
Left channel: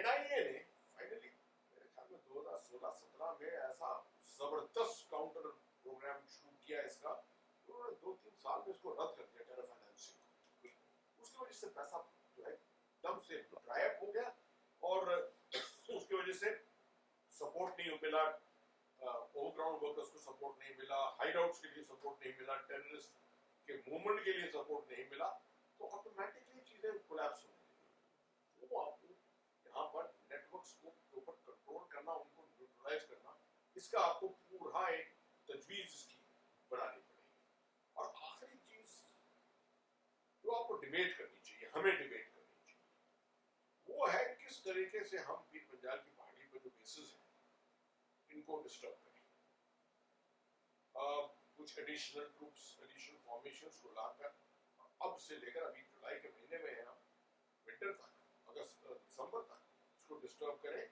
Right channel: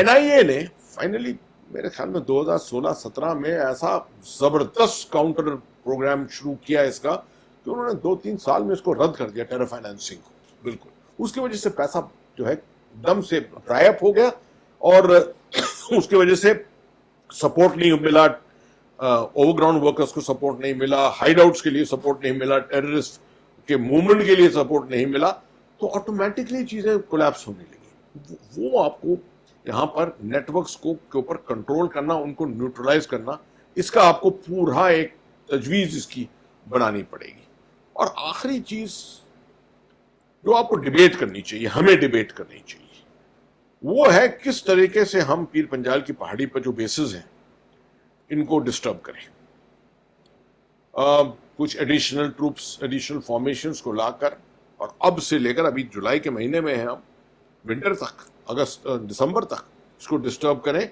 एनआईए ने फाइनली मेरे ख्याल में 2016-17 में ऐसा जबरदस्त काउंटर प्रोग्राम शुरू किया इसका कि उन्होंने 2-3 साल में इसको रद्द कर दिया, टेरर फाइनेंसिंग को बिल्कुल। उसकी वजह से पैसा जो है दम से ड्राई अप हो गया और उसकी वजह से सपोर्ट नहीं मिला, ओवरग्राउंड वर्कर्स को सपोर्ट नहीं मिला, हाइडआउट्स के लिए सपोर्ट नहीं मिला, टेररिस्ट के मूवमेंट के लिए सपोर्ट नहीं मिला, तो ऑटोमेटिकली चीजें कोलैप्स होने लगी। वो आपको यहाँ पर नेटवर्क्स को के ऊपर कंट्रोल करना, उनको न्यूट्रलाइज करना, इसका आपको पूरा एक तजवीज इसकी बनानी पड़ेगी। और आखिरी चीज जो आपको डिबेट करनी चाहिए, हमें डिबेट करनी चाहिए, वो है किस तरीके से हम पीर पंजाल की पहाड़ी पर जो बेसिस हैं इनको डिस्टर्ब करें। कुछ एडिशनल ट्रूप्स, एडिशनल फॉर्मेशंस को लाकर, और अब से लेकर अभी जुलाई के महीने में है हम, विंटर तक, अगस्त दिसंबर तक इसको डिस्टर्ब करें।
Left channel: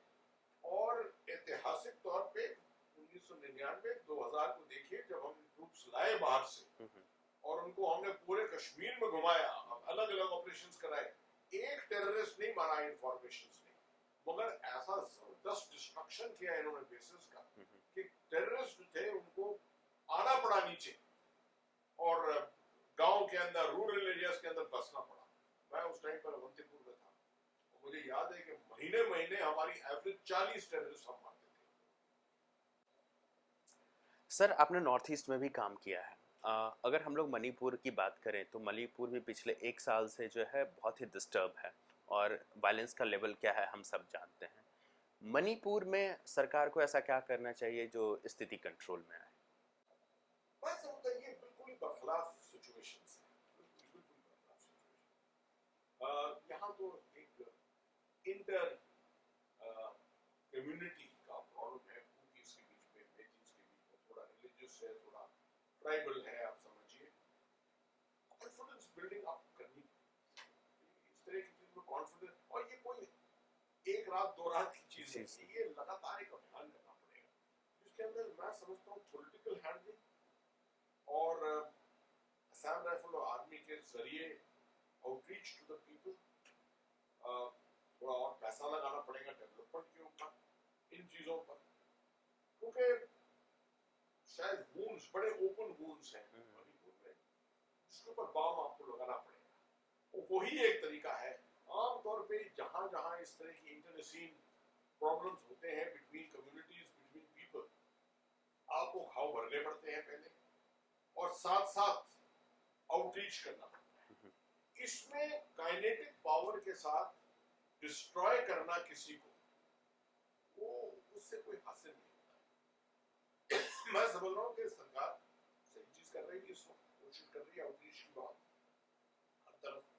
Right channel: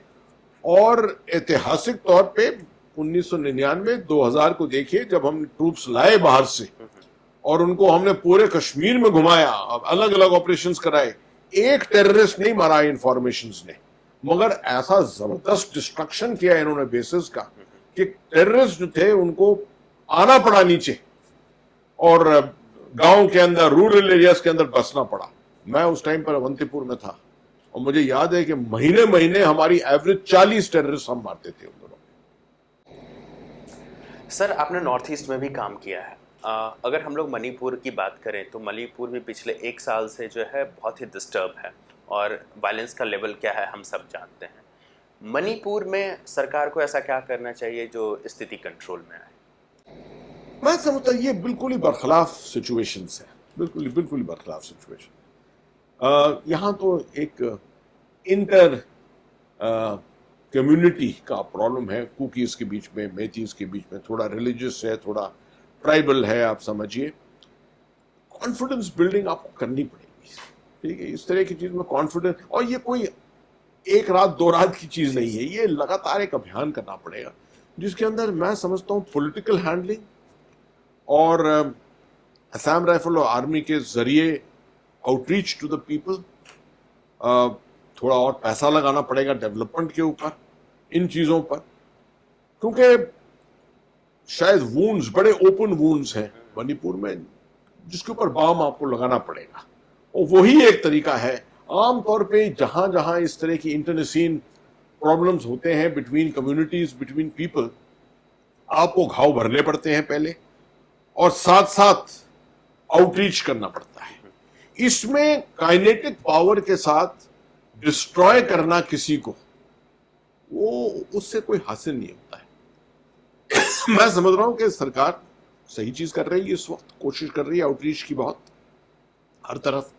और ऐतिहासिक तौर पे 1999-2000 को देखिए, जब हम ट्रूप्स लाए बाहर से और उनको हमने पूरे कश्मीर में घुमाया, अलग अलग ऑपरेशंस कराए, एक टेररिस्ट नहीं मारा इन फॉर्मेशंस ने, मगर ऐसा जबरदस्त डिस्ट्रक्शन किया इन्होंने बेसिस का कि टेररिस्ट जो थे उनको आना पड़ा नीचे और गांव के अंदर, रूरल एरियाज के अंदर बसना पड़ा। मैं उस टाइम पर अवंतीपुर में था और मुझे याद है कि महीने महीने हमारी एवरेज 40 टेररिस्ट हम मारते थे उन दिनों। सर, आपने नॉर्थ ईस्ट में भी काम किया है। अगर हम लोग मणिपुर की बात करें तो मणिपुर भी पिछले 1 साल से जो है बहुत ही डिस्टर्ब है और वायलेंस का लेवल क्या है हम सब जानते हैं। मणिपुर में सरकार को ऐसा क्या करना चाहिए जो स्थिति कंट्रोल में आए? मैं समझता ये बिल्कुल ही बरखलाफ सिचुएशंस है, बिल्कुल ही बरखलाफ सिचुएशन। यहाँ तो एक इंटर कम्युनिटी का प्रॉब्लम है, कुकीज के बीच में, मेथीज के बीच में, थोड़ा रिलीजियस है, थोड़ा ट्राइबल है, आप समझिए। कॉन्फिडेंस बिल्डिंग आपको करनी पड़ेगी, ठीक है, इस तरह की चीज में कॉन्फिडेंस। और ये कोई 1 रात 2 रात की चीज नहीं है, ये लगातार एक अभियान करना पड़ेगा जिसके अंदर मैं समझता हूँ पॉलिटिकल हैंडलिंग और असम राइफल और आर्मी के जरिए आउटरीच टू द पीपल, थोड़ा और पैसा लगाना पड़ेगा डेवलपमेंट के ऊपर, इन चीजों पर, क्योंकि शायद वूंड्स, बड़े ओपन वूंड्स हैं मणिपुर में जिसके ऊपर बाम आपको लगाना पड़ेगा। और वही एक तरीका है। आमतौर पे जहां जहां इस तरह की इंटरनेसीन प्रॉब्लम्स होते हैं बिटवीन कम्युनिटीज, बिटवीन पीपल, आपको घाव भरने पड़ते हैं पहले और साथ साथ आउटरीच करना पड़ता है। इसमें काइनेटिक पावर के साथ डिस्ट्रॉय करना किसी को, वो उससे कोई हासिल नहीं होता है। मैं समझ रहा हूं कि सरकार सही चीज कर रही है, इस वक्त कोशिश कर रही है आउटरीच की बहुत, हर तरफ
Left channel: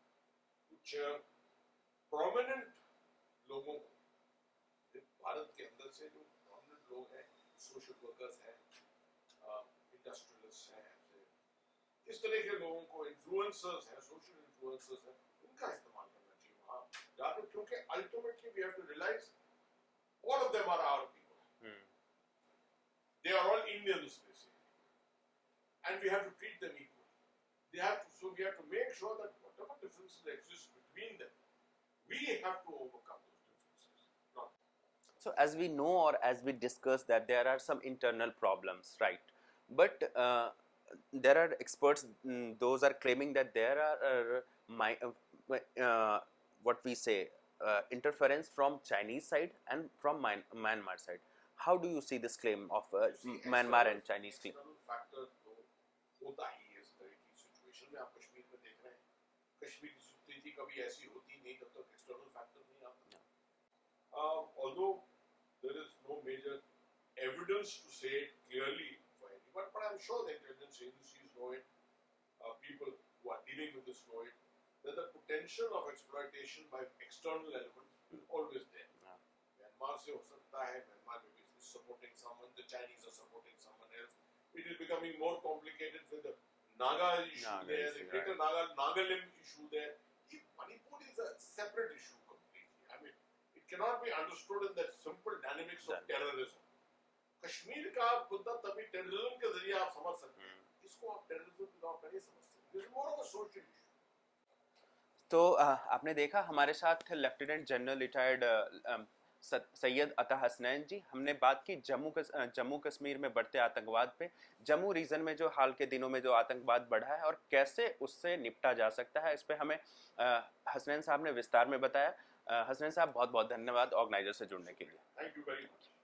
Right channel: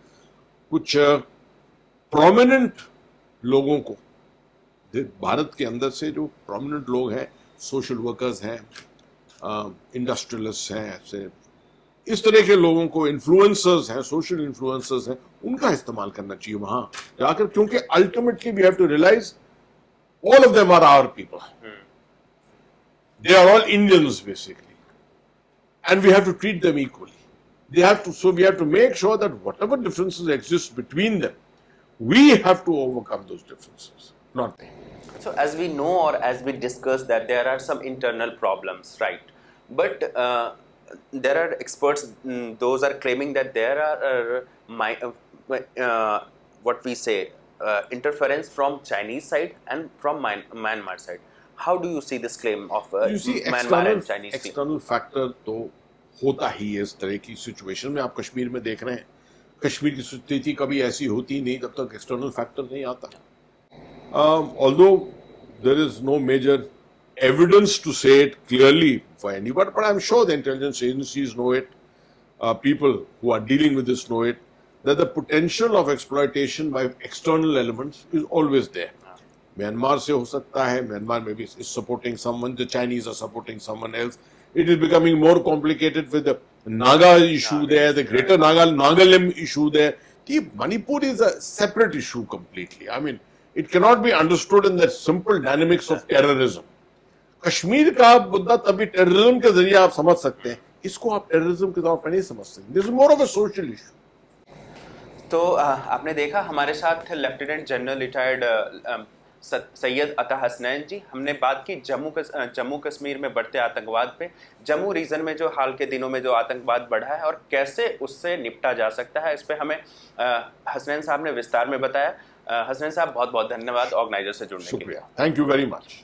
कुछ प्रोमिनेंट लोगों को, भारत के अंदर से जो प्रोमिनेंट लोग हैं, सोशल वर्कर्स हैं, इंडस्ट्रियलिस्ट हैं, ऐसे इस तरह के लोगों को, इन्फ्लुएंसर्स हैं, सोशल इन्फ्लुएंसर्स हैं, उनका इस्तेमाल करना चाहिए वहां जाकर, क्योंकि ultimately we have to realise all of them are our people, they are all Indians basically, and we have to treat them equally. They have to, so we have to make sure that whatever differences exist between them, we have to overcome those differences, not they. So as we know or as we discussed that there are some internal problems, right? But there are experts, those are claiming that there are what we say interference from Chinese side and from Myanmar side. How do you see this claim of Myanmar and Chinese? External factor तो होता ही है इस तरह की situation में। आप कश्मीर में देख रहे हैं, कश्मीर की स्थिति कभी ऐसी होती नहीं जब तक एक्सटर्नल फैक्टर नहीं आता। Although there is no major evidence to say it clearly for anybody, but I'm sure the intelligence agencies know it, people who are dealing with this know it, that the potential of exploitation by external elements is always there. Myanmar se ho sakta hai, Myanmar maybe is supporting someone, the Chinese are supporting someone else. It is becoming more complicated with the Naga issue there, the greater Nagalim issue there. The Manipur is a separate issue completely. I mean, it cannot be understood in the simple dynamics of terrorism. Kashmir का मुद्दा तभी terrorism के जरिए आप समझ सकते हैं, इसको आप टेररिज्म के तौर पर नहीं समझ सकते. This is more of a social issue. तो आपने देखा हमारे साथ लेफ्टिनेंट जनरल रिटायर्ड सैयद अता हसनैन जी. हमने बात की जम्मू कश्मीर में बढ़ते आतंकवाद पे, जम्मू रीजन में जो हाल के दिनों में जो आतंकवाद बढ़ा है और कैसे उससे निपटा जा सकता है, इस पे हमें हसनैन साहब ने विस्तार में बताया. हसनैन साहब बहुत बहुत धन्यवाद ऑर्गेनाइजर से जुड़ने के लिए. शुक्रिया, थैंक यू वेरी मच.